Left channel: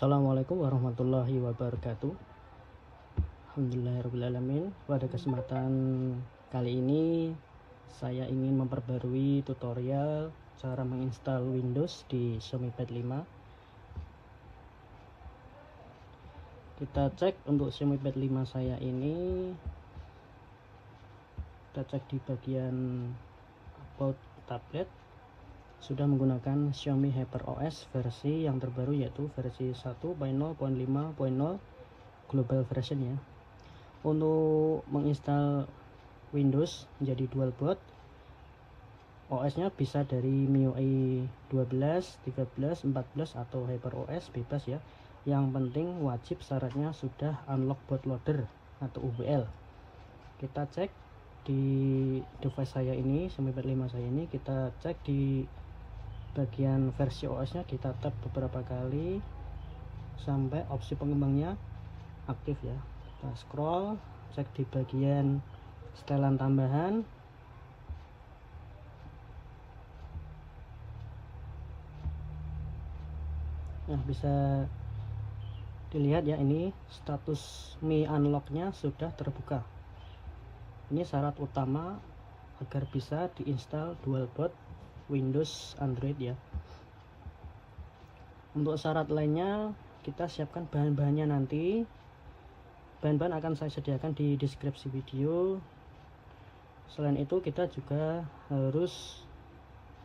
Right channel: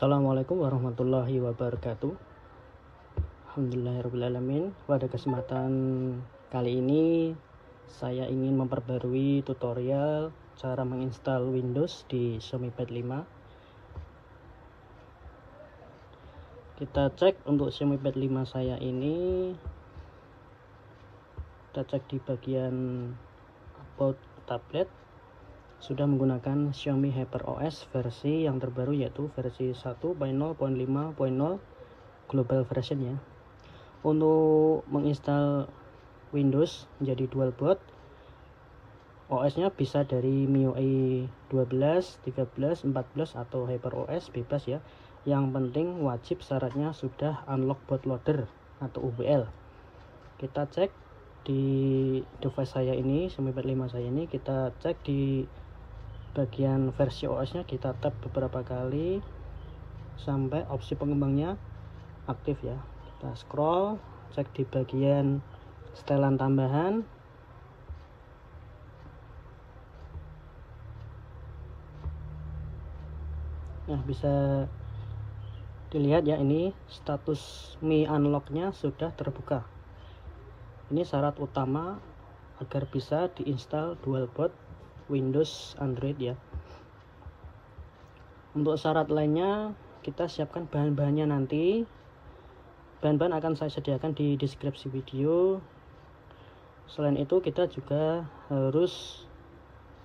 Assalamualaikum warahmatullahi wabarakatuh. Alhamdulillahirrahmanirrahim. Pada kesempatan kali ini saya ingin memperbarui tutorial cara menginstal Windows di Xiaomi Pad 5. Kita cek untuk Xiaomi Pad 5 saya ini, kita cek di bagian about tablet. Sudah menggunakan Xiaomi HyperOS versi yang terbaru, yaitu versi 1.0.5.0 global version ya. Untuk menginstal Windows menjadi dual boot, OS nya bisa dari MIUI 12, 13, 14 atau HyperOS, bebas ya. Yang penting wajib syaratnya sudah unlock bootloader atau UBL. Kita cek di device saya ini, Xiaomi Pad 5 saya ini, kita cek di bagian versi OS nya, kita tap beberapa kali sampai opsi pengembangnya aktif ya. Kita scroll, cek di bagian setelan tambahan. Nah, bisa dilihat ya, ini status Mi Unlock-nya sudah terbuka. Ini syarat utama agar bisa diinstal dual boot Windows Android ya. Untuk syarat lainnya kita siapkan bahan-bahannya nanti. Bahan-bahan akan saya sediakan di deskripsi video. Selain itu kita juga harus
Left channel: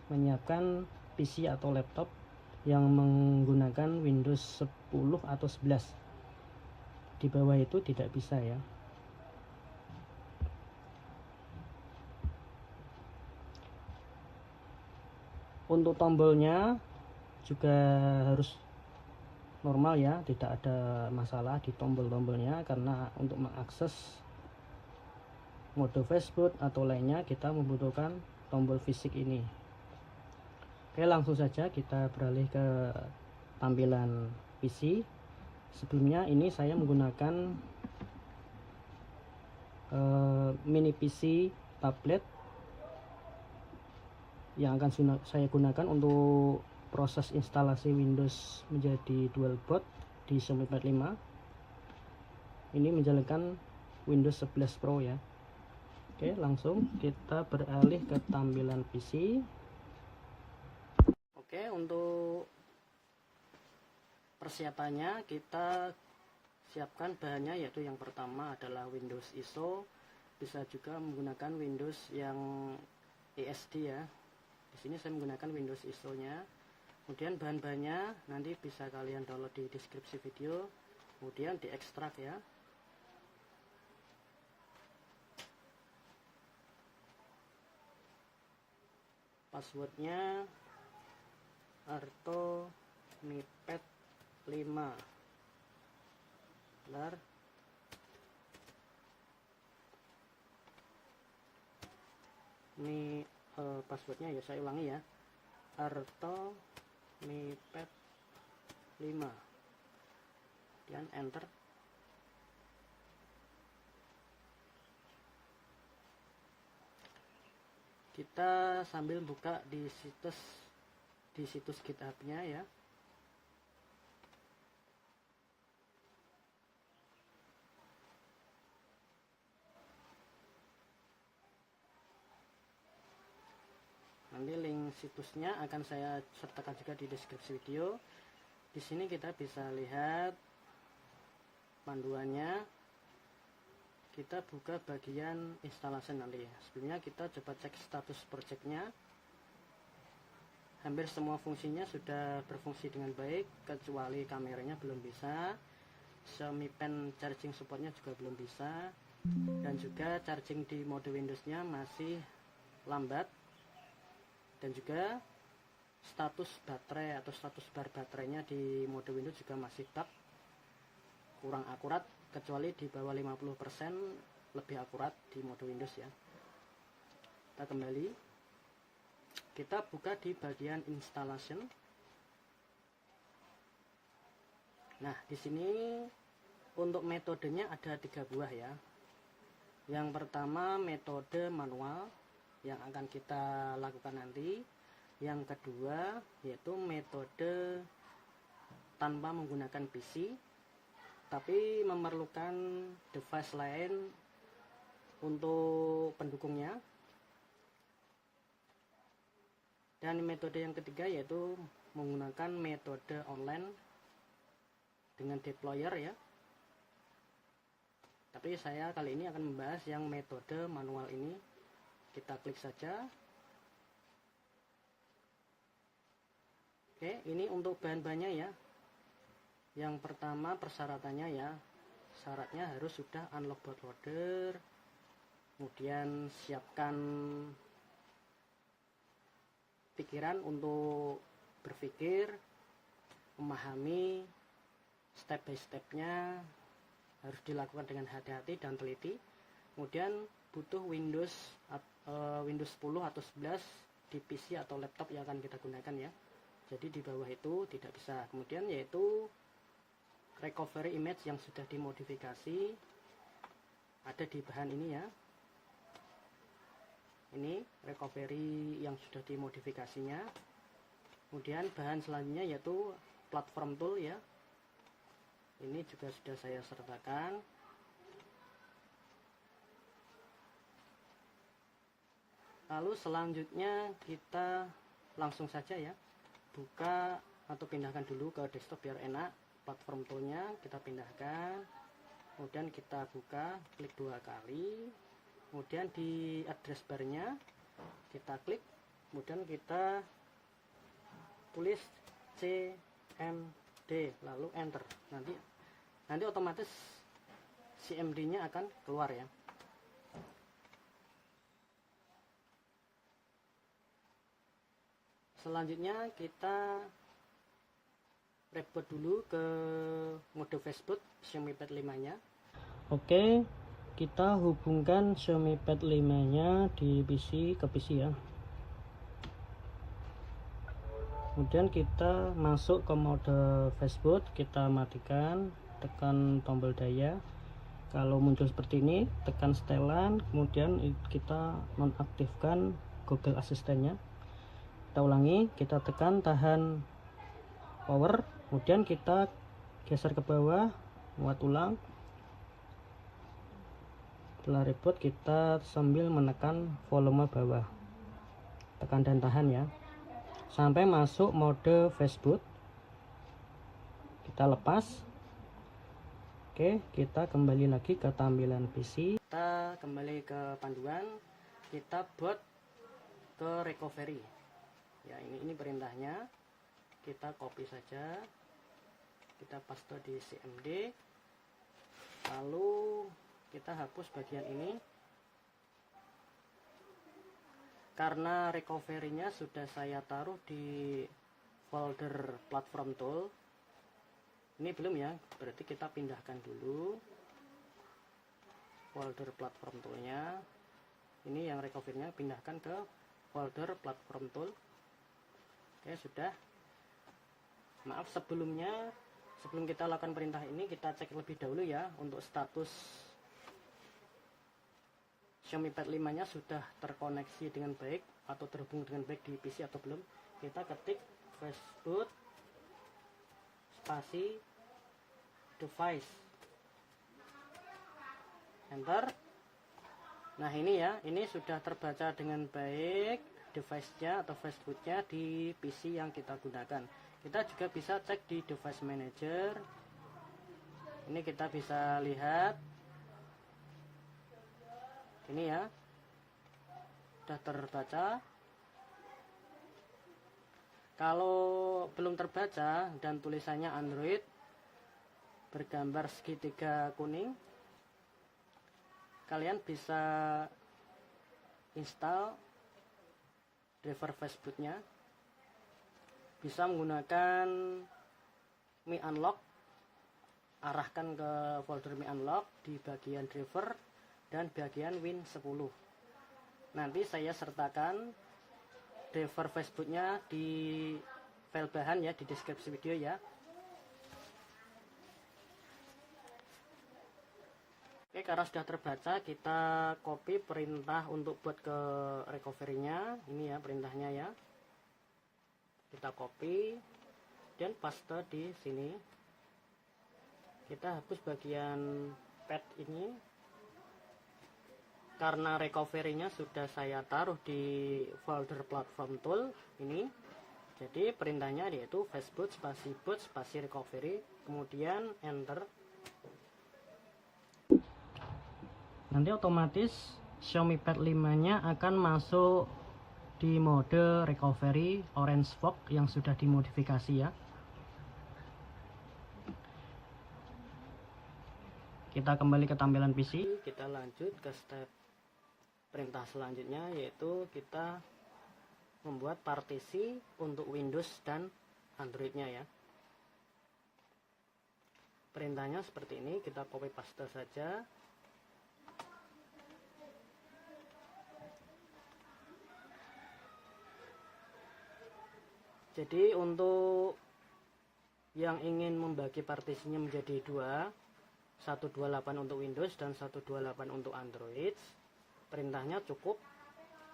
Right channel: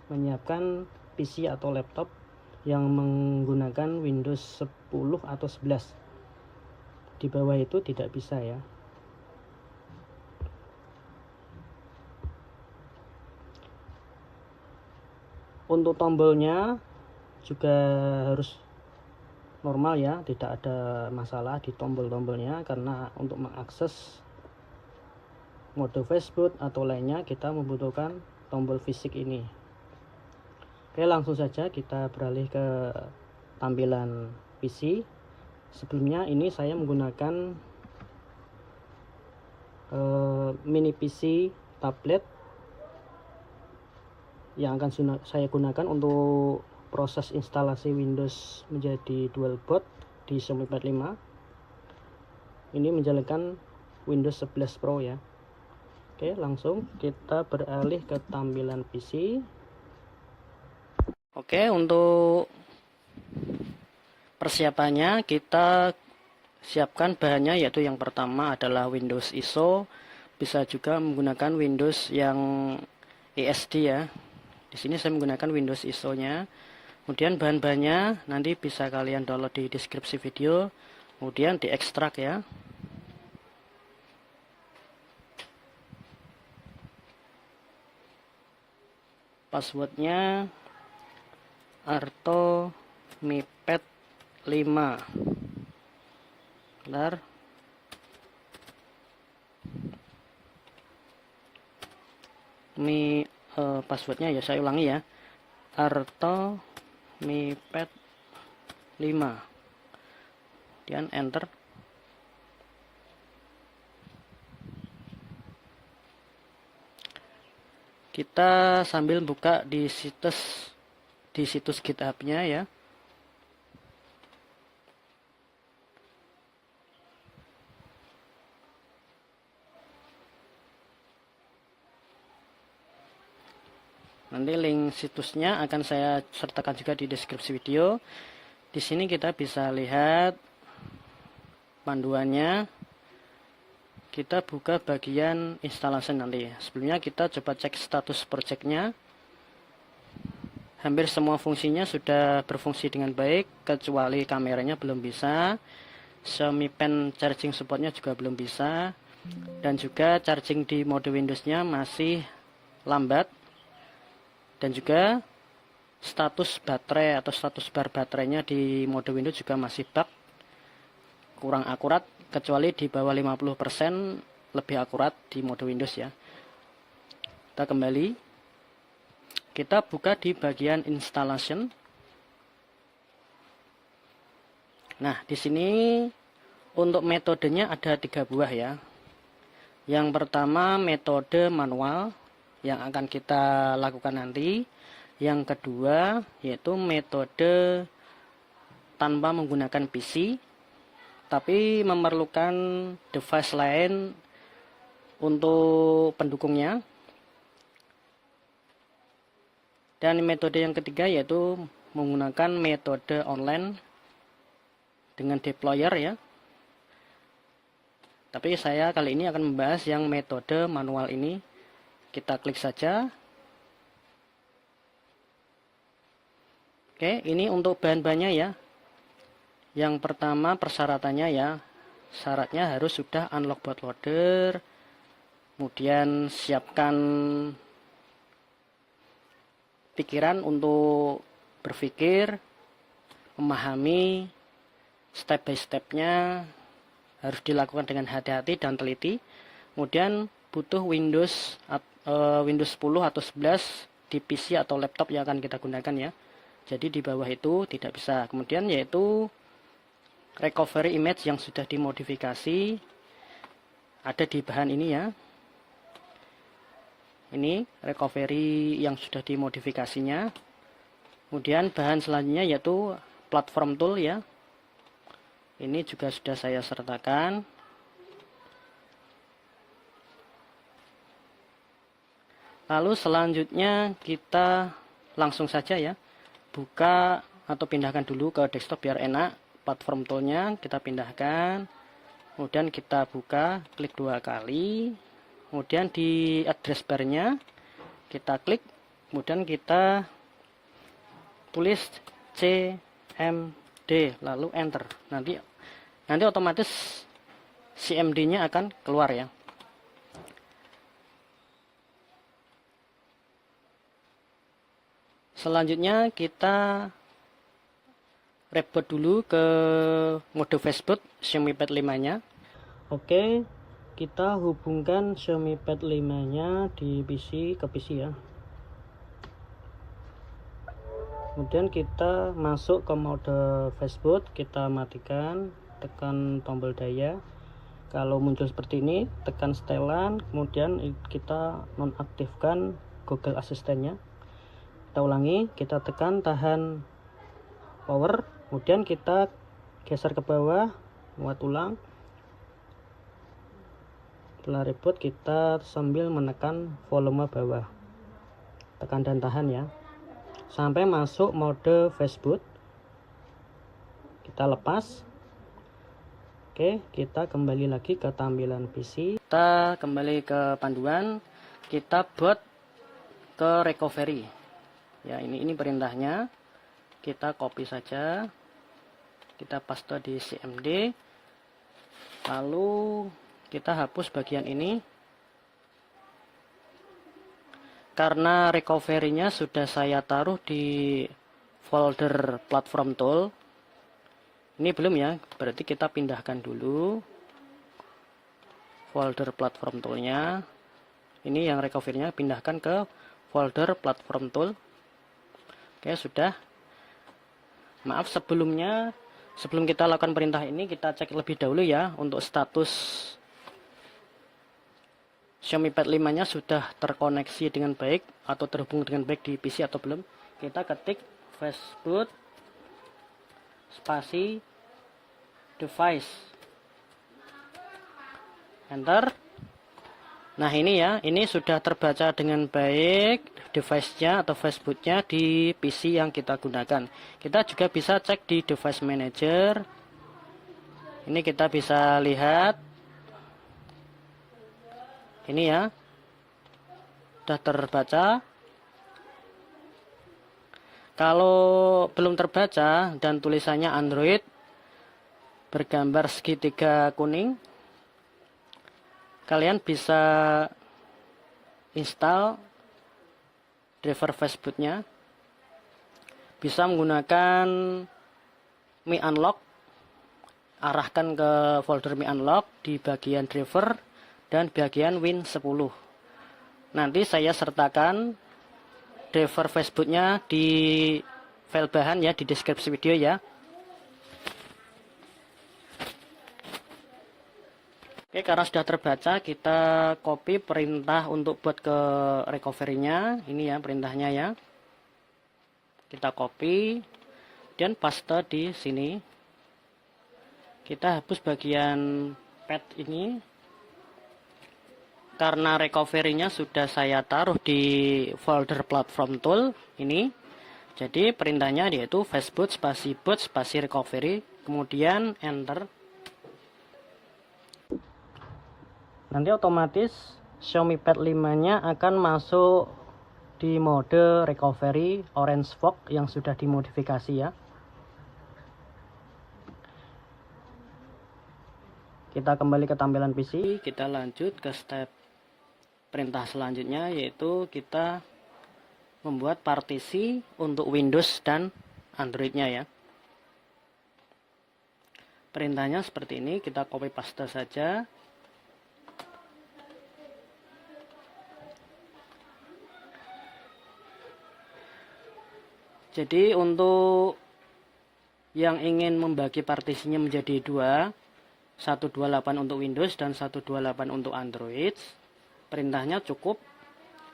menyiapkan PC atau laptop yang menggunakan Windows 10 atau 11. Di bawah itu tidak bisa ya. Untuk tombolnya juga harus normal ya, tidak ada masalah di tombol-tombolnya, karena untuk mengakses mode Facebook atau lainnya kita membutuhkan tombol fisik ini. Oke, langsung saja kita beralih ke tampilan PC. Sebelumnya ini saya menggunakan mini PC tablet yang akan saya gunakan untuk proses instalasi Windows menjadi dual boot di Xiaomi Pad 5. Ini menjalankan Windows 11 Pro ya. Oke, langsung kita beralih ke tampilan PC. Oke, untuk persiapannya kita siapkan bahannya, yaitu yang pertama adalah Windows ISO. Bisa juga menggunakan Windows yang ESD ya. Di sini saya menggunakan Windows ISO-nya. Kemudian bahan-bahannya nanti bisa kalian download di deskripsi video, kemudian diekstrak ya. Passwordnya Arto Mi Pad 5. Bentar. Passwordnya ya, saya ulangi ya, Arto Mi Pad 5, kemudian enter. Kita sambil buka di situs GitHub-nya ya. Nanti link situsnya akan saya sertakan juga di deskripsi video. Di sini kita bisa lihat panduannya. Kita buka bagian instalasi nanti. Sebelumnya kita coba cek status projectnya. Hampir semua fungsinya sudah berfungsi dengan baik, kecuali kameranya belum bisa. Xiaomi Pen charging supportnya juga belum bisa. Dan juga charging di mode Windows-nya masih lambat. Dan juga status baterai atau status bar baterainya di mode Windows juga masih bug, kurang akurat, kecuali di bawah 50% lebih akurat di mode Windows ya. Kita kembali, kita buka di bagian installation. Nah, di sini untuk metodenya ada 3 buah ya. Yang pertama metode manual yang akan kita lakukan nanti. Yang kedua yaitu metode tanpa menggunakan PC, tapi memerlukan device lain untuk pendukungnya. Dan metode yang ketiga yaitu menggunakan metode online dengan deployer ya. Tapi saya kali ini akan membahas yang metode manual ini. Kita klik saja. Oke, ini untuk bahan-bahannya ya. Yang pertama persyaratannya ya. Syaratnya harus sudah unlock bootloader. Kemudian siapkan pikiran untuk berpikir, memahami step by stepnya, harus dilakukan dengan hati-hati dan teliti. Kemudian butuh Windows 10 atau 11 di PC atau laptop yang akan kita gunakan ya. Jadi di bawah itu tidak bisa. Kemudian yaitu recovery image yang sudah dimodifikasi, ada di bahan ini ya. Ini recovery yang sudah dimodifikasinya. Kemudian bahan selanjutnya yaitu platform tool ya. Ini juga sudah saya sertakan. Lalu selanjutnya kita langsung saja ya, buka atau pindahkan dulu ke desktop biar enak. Platform toolnya kita pindahkan, kemudian kita buka, klik 2 kali. Kemudian di address barnya kita klik, kemudian kita tulis CMD lalu enter. Nanti otomatis CMD-nya akan keluar ya. Selanjutnya kita reboot dulu ke mode fastboot Xiaomi Pad 5-nya. Oke. Kita hubungkan Xiaomi Pad 5-nya di PC ke PC ya. Kemudian kita masuk ke mode fastboot, kita matikan, tekan tombol daya. Kalau muncul seperti ini, tekan setelan, kemudian kita nonaktifkan Google Assistant-nya. Kita ulangi, kita tekan tahan power, kemudian kita geser ke bawah, muat ulang. Setelah reboot kita sambil menekan volume bawah, tekan dan tahan ya sampai masuk mode fastboot. Kita lepas. Oke, kita kembali lagi ke tampilan PC. Kita kembali ke panduan, kita boot ke recovery ya. Ini perintahnya, kita copy saja, kita paste di CMD, lalu kita hapus bagian ini. Karena recovery-nya sudah saya taruh di folder platform tool. Ini belum ya, berarti kita pindahkan dulu folder platform tool-nya. Ini yang recovery-nya pindahkan ke folder platform tool. Oke, sudah. Maaf sebelum kita lakukan perintah ini, kita cek lebih dahulu ya untuk status Xiaomi Pad 5-nya sudah terkoneksi dengan baik atau terhubung dengan baik di PC atau belum. Kita ketik fastboot spasi device, enter. Nah ini ya, ini sudah terbaca dengan baik device-nya atau fastboot-nya di PC yang kita gunakan. Kita juga bisa cek di device manager. Ini kita bisa lihat. Ini ya, sudah terbaca. Kalau belum terbaca dan tulisannya Android bergambar segitiga kuning, kalian bisa install driver fastboot-nya. Bisa menggunakan Mi Unlock, arahkan ke folder Mi Unlock di bagian driver dan bagian Win10. Nanti saya sertakan driver fastboot-nya di file bahan ya, di deskripsi video ya. Oke, karena sudah terbaca, kita copy perintah untuk buat ke recovery-nya. Ini ya perintahnya ya. Kita copy. kemudian paste di sini. Kita hapus bagian pad ini karena recovery-nya sudah saya taruh di folder platform tool ini. Jadi perintahnya yaitu fastboot spasi recovery, kemudian enter. Nanti otomatis Xiaomi Pad 5-nya akan masuk di mode recovery orange fog yang sudah dimodifikasi ya. Kita kembali ke tampilan PC, kita lanjut ke step perintah selanjutnya, yaitu kita membuat partisi untuk Windows dan Android-nya ya. Perintahnya seperti ini, kita copy paste saja. Jadi untuk yang ingin membagi partisinya menjadi dua, 128 untuk Windows dan 128 untuk Android, perintahnya cukup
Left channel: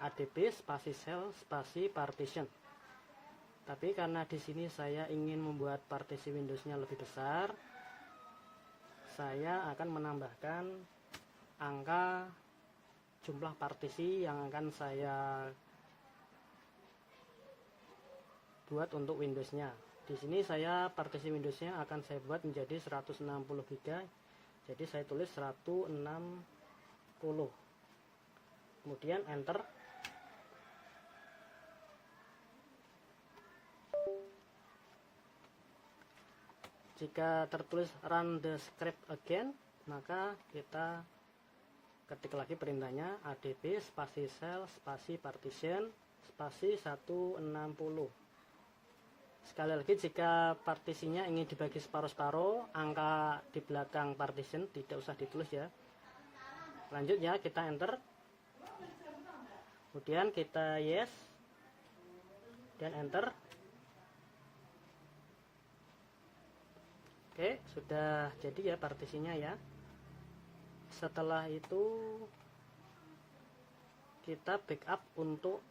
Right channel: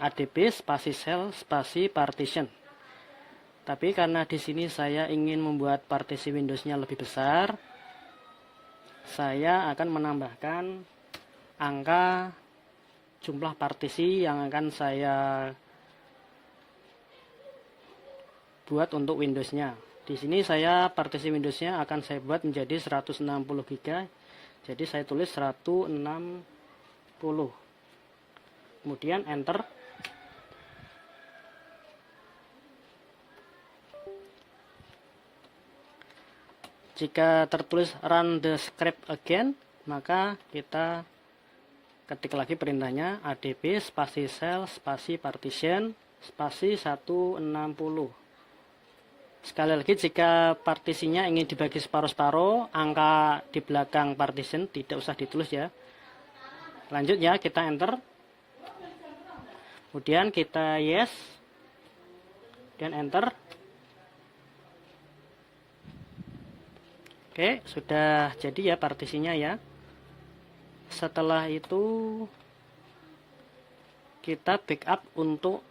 adb spasi cell spasi partition. Tapi karena di sini saya ingin membuat partisi Windowsnya lebih besar, saya akan menambahkan angka jumlah partisi yang akan saya buat untuk Windowsnya. Di sini saya partisi Windowsnya akan saya buat menjadi 160 GB. Jadi saya tulis 160. Kemudian enter. Jika tertulis run the script again, maka kita ketik lagi perintahnya adb spasi cell spasi partition spasi 160. Sekali lagi, jika partisinya ingin dibagi separuh-separuh, angka di belakang partition tidak usah ditulis ya. Lanjut ya, kita enter. Kemudian kita yes. Dan enter. Oke, sudah jadi ya partisinya ya. Setelah itu kita backup untuk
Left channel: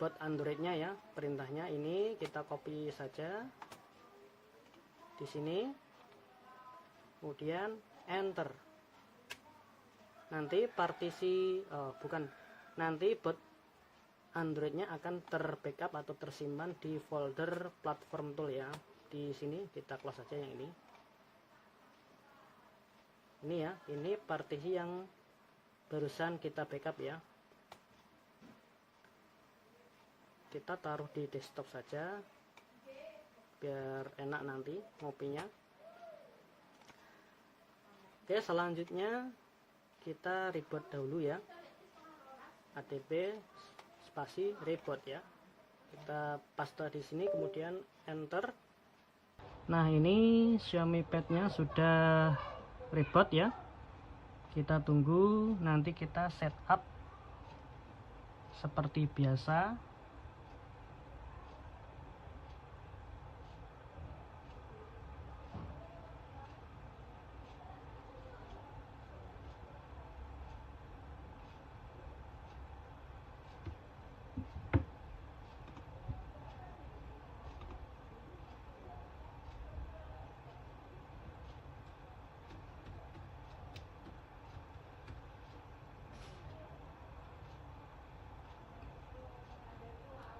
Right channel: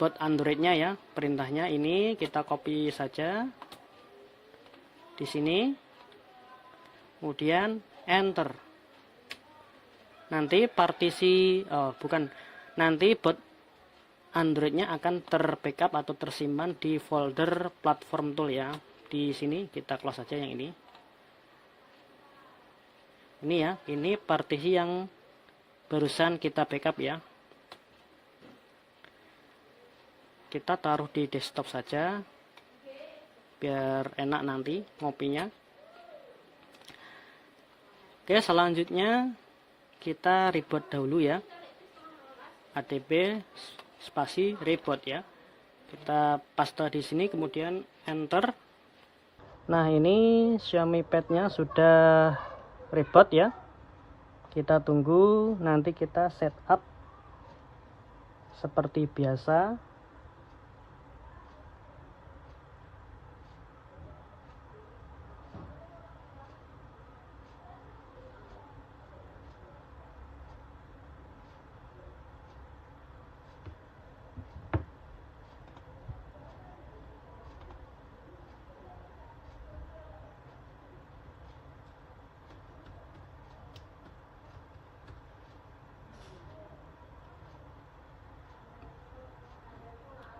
buat Android-nya ya. Perintahnya ini kita copy saja di sini, kemudian enter. Nanti partisi nanti buat Android-nya akan terbackup atau tersimpan di folder platform tool ya. Di sini kita close saja yang ini. Ini ya, ini partisi yang barusan kita backup ya. Kita taruh di desktop saja biar enak nanti ngopinya. Oke, selanjutnya kita reboot dahulu ya, adb spasi reboot ya. Kita paste di sini, kemudian enter. Nah, ini Xiaomi Pad-nya sudah reboot ya. Kita tunggu, nanti kita setup seperti biasa.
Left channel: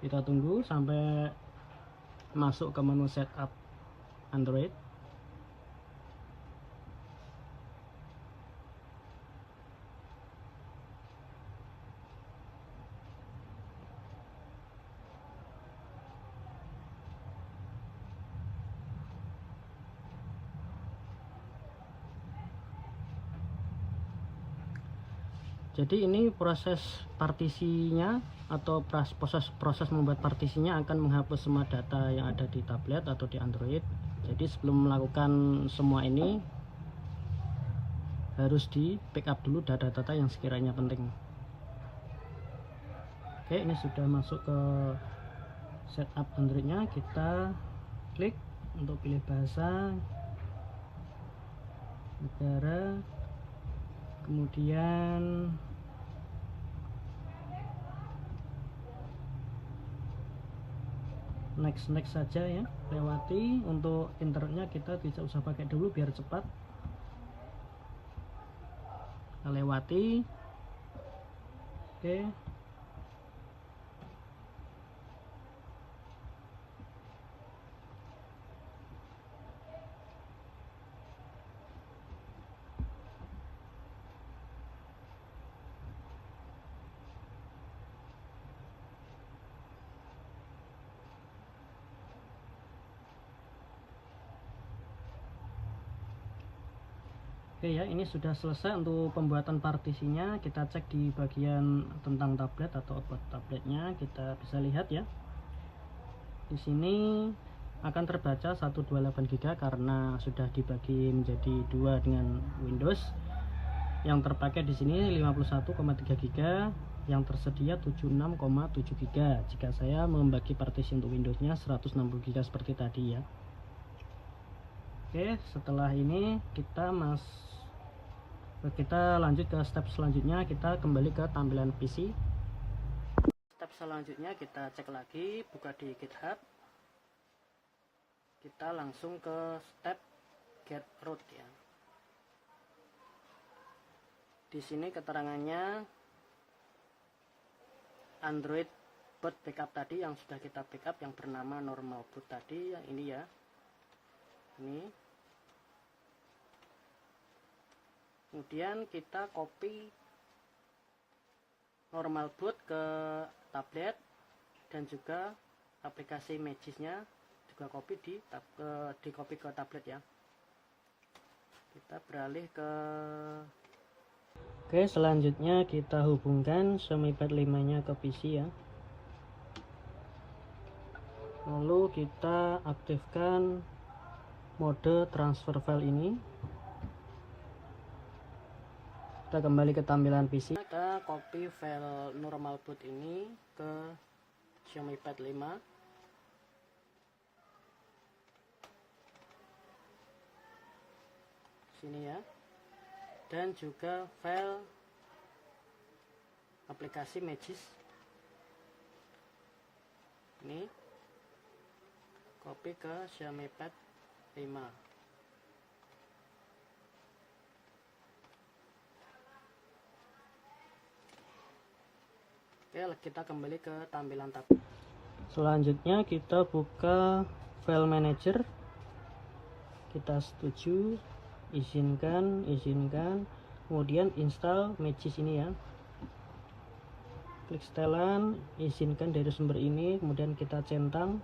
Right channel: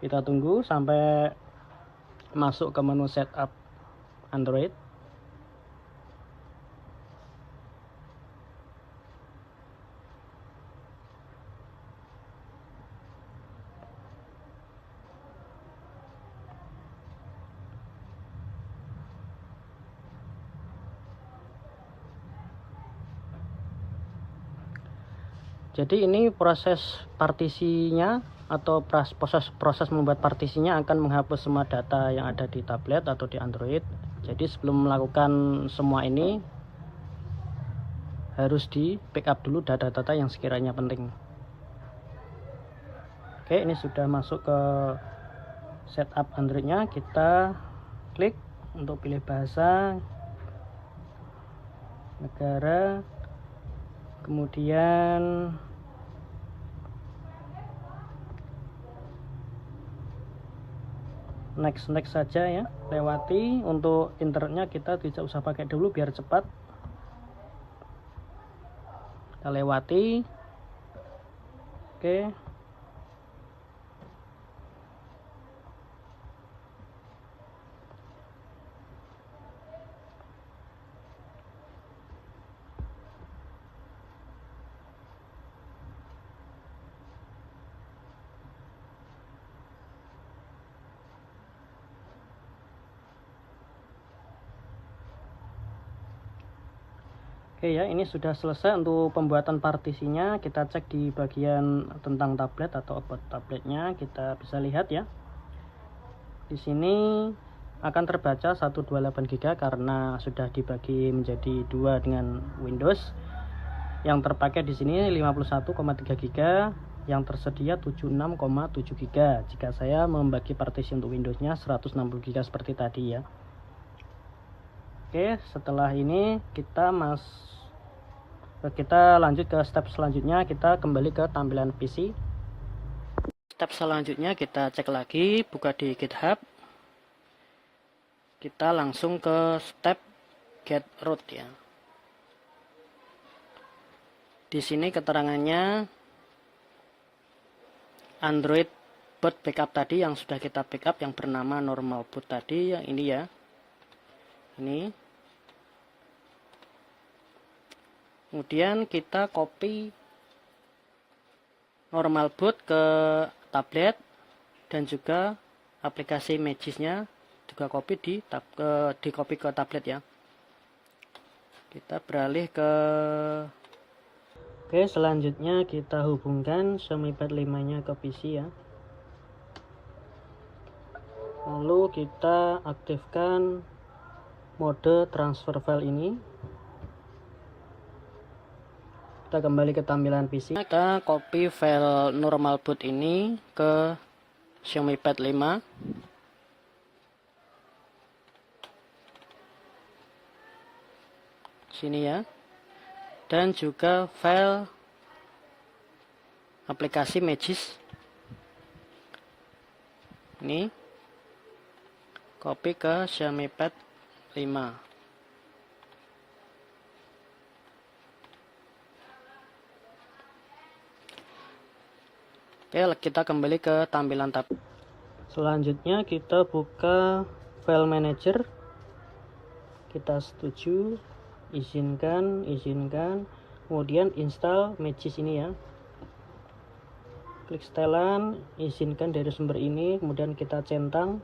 Kita tunggu sampai masuk ke menu setup Android. Jadi ini proses partisinya atau proses membuat partisinya akan menghapus semua data yang ada di tablet atau di Android. Jadi sebelum melakukan semua ini harus di backup dulu data-data yang sekiranya penting. Oke, ini sudah masuk ke setup Androidnya. Kita klik untuk pilih bahasa, negara, kemudian next saja ya. lewati. Untuk internetnya kita tidak usah pakai dulu biar cepat. Kita lewati. Oke. Oke ya, ini sudah selesai untuk pembuatan partisinya. Kita cek di bagian tentang tablet atau about tabletnya, kita bisa lihat ya. Di sini akan terbaca 128 GB karena sudah dibagi menjadi dua dengan Windows. Yang terpakai di sini 51,3 GB, yang tersedia 76,7 GB. Jika saya membagi partisi untuk Windowsnya 160 GB seperti tadi ya. Oke, setelah ini kita lanjut ke step selanjutnya. Kita kembali ke tampilan PC. Step selanjutnya kita cek lagi, buka di GitHub. Kita langsung ke step get root ya. Di sini keterangannya Android boot backup tadi yang sudah kita backup yang bernama normal boot tadi, yang ini ya. Ini. Kemudian kita copy normal boot ke tablet dan juga aplikasi Magisnya juga copy copy ke tablet ya. Kita beralih ke Oke, selanjutnya kita hubungkan Xiaomi Pad 5-nya ke PC ya. Lalu kita aktifkan mode transfer file ini. Kita kembali ke tampilan PC. Kita copy file normal boot ini ke Xiaomi Pad 5. Sini ya. Dan juga file aplikasi Magis. Ini copy ke Xiaomi Pad 5. Oke, kita kembali ke tampilan tab. Selanjutnya kita buka file manager. Kita setuju, izinkan, kemudian install Magis ini ya. Klik setelan, izinkan dari sumber ini, kemudian kita centang.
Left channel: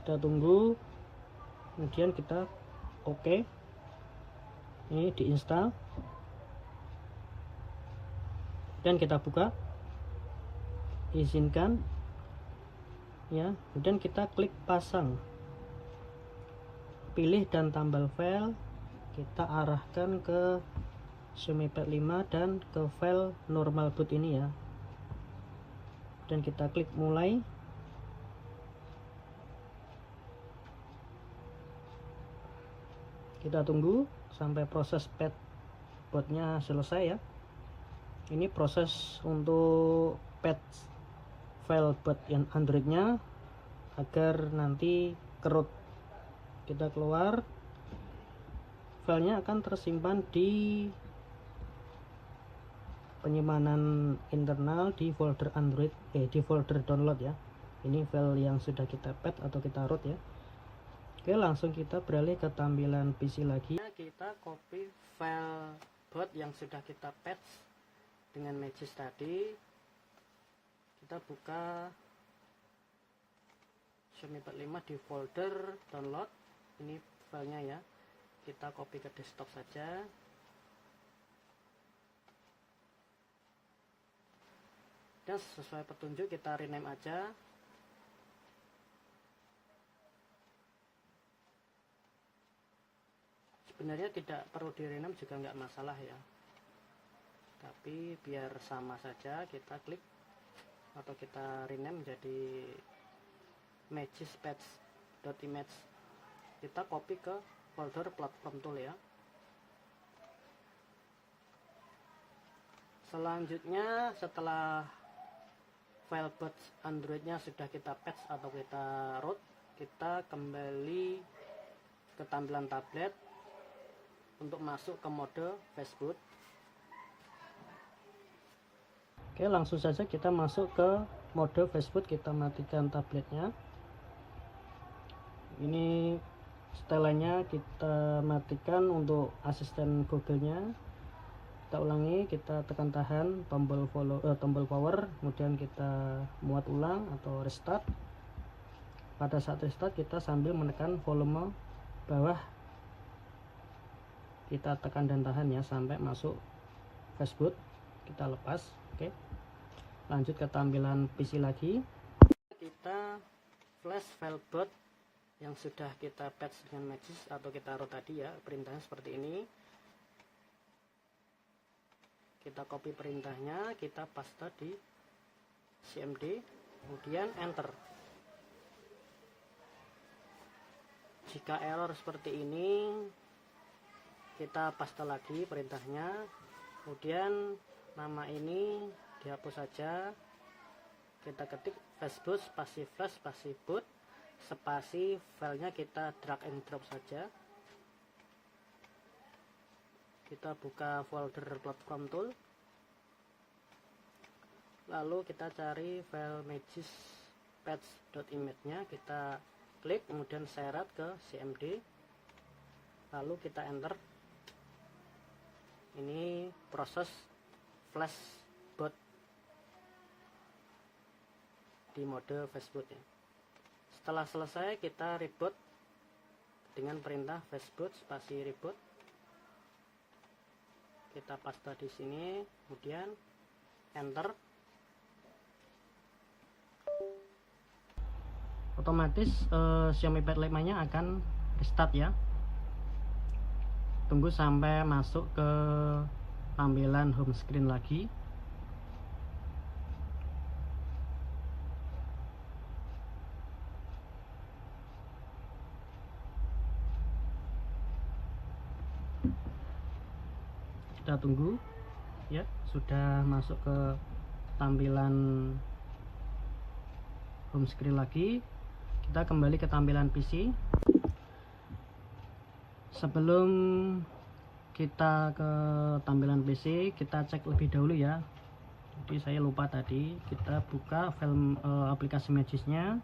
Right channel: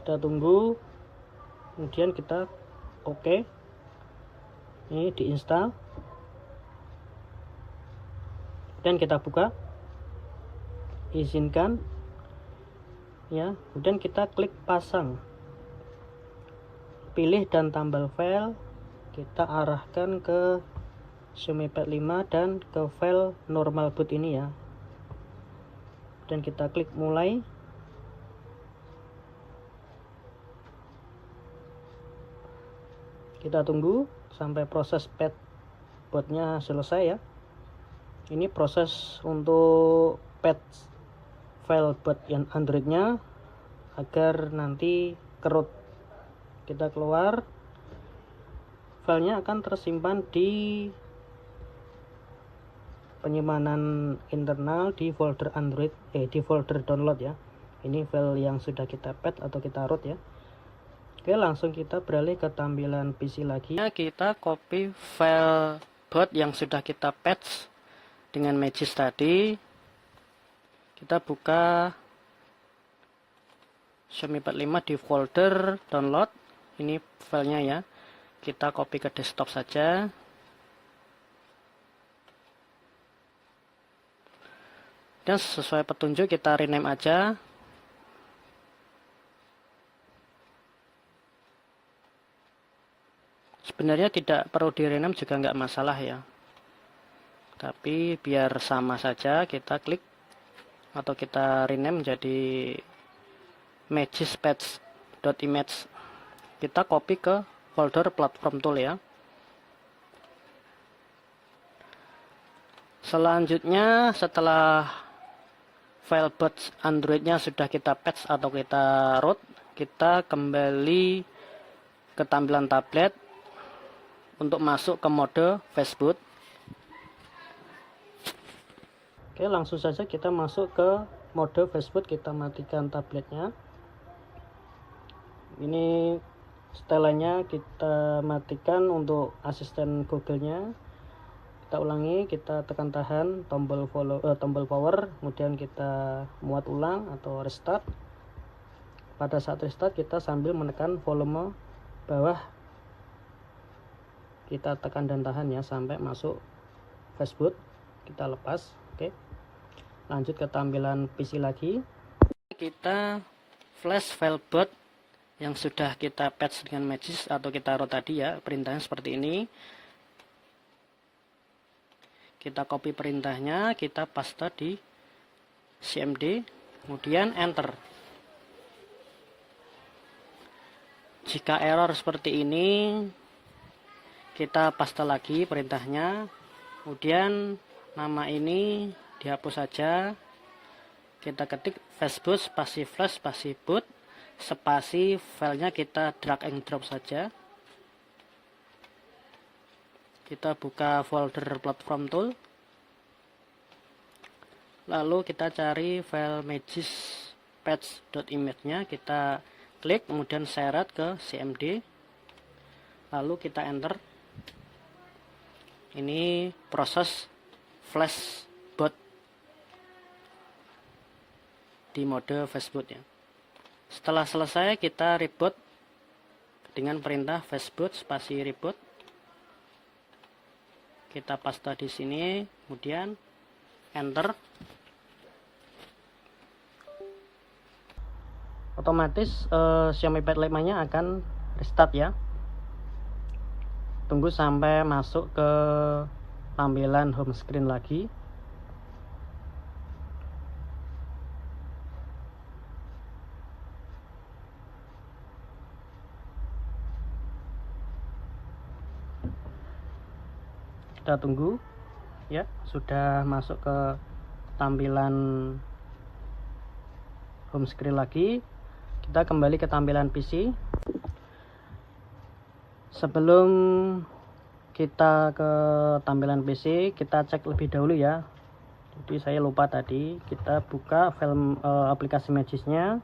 Kita tunggu, kemudian kita oke. Ini diinstal dan kita buka, izinkan ya, kemudian kita klik pasang, pilih dan tambal file, kita arahkan ke Xiaomi Pad 5 dan ke file normal boot ini ya, dan kita klik mulai. Kita tunggu sampai proses pad bootnya selesai ya. Ini proses untuk patch file boot yang Androidnya agar nanti kerut. Kita keluar, filenya akan tersimpan di penyimpanan internal di folder Android, di folder download ya. Ini file yang sudah kita patch atau kita root ya. Oke, langsung kita beralih ke tampilan PC lagi. Kita copy file boot yang sudah kita patch dengan Magis tadi. Kita buka Xiaomi Pad 5 di folder download. Ini filenya ya. Kita copy ke desktop saja. Dan sesuai petunjuk kita rename aja. Sebenarnya tidak perlu di rename juga nggak masalah ya. Tapi biar sama saja kita klik atau kita rename menjadi magispatch.image. Kita copy ke folder platform tool ya. Selanjutnya setelah file boot Androidnya sudah kita patch atau kita root, kita kembali ke tampilan tablet untuk masuk ke mode fastboot. Oke, langsung saja kita masuk ke mode fastboot. Kita matikan tabletnya. Ini setelannya kita matikan untuk asisten Google-nya. Kita ulangi, kita tekan tahan tombol power, kemudian kita muat ulang atau restart. Pada saat restart kita sambil menekan volume bawah, kita tekan dan tahan ya sampai masuk fastboot. Kita lepas. Oke, lanjut ke tampilan PC lagi. Kita flash file boot yang sudah kita patch dengan Magis atau kita root tadi ya, perintahnya seperti ini. Kita copy perintahnya, kita paste di cmd, kemudian enter. Jika error seperti ini, kita paste lagi perintahnya, kemudian nama ini dihapus saja. Kita ketik fastboot spasi flash spasi boot spasi, filenya kita drag and drop saja. Kita buka folder platform tool, lalu kita cari file magis patch.image nya, kita klik kemudian seret ke cmd, lalu kita enter. Ini proses flash boot di mode fastboot ya. Setelah selesai kita reboot dengan perintah fastboot spasi reboot. Kita paste di sini, kemudian enter. Otomatis Xiaomi Pad 5-nya akan restart ya. Tunggu sampai masuk ke tampilan home screen lagi. Kita tunggu ya, sudah masuk ke tampilan home screen lagi. Kita kembali ke tampilan PC. Sebelum kita ke tampilan PC, kita cek lebih dahulu ya. Jadi saya lupa tadi, kita buka file aplikasi Magis-nya.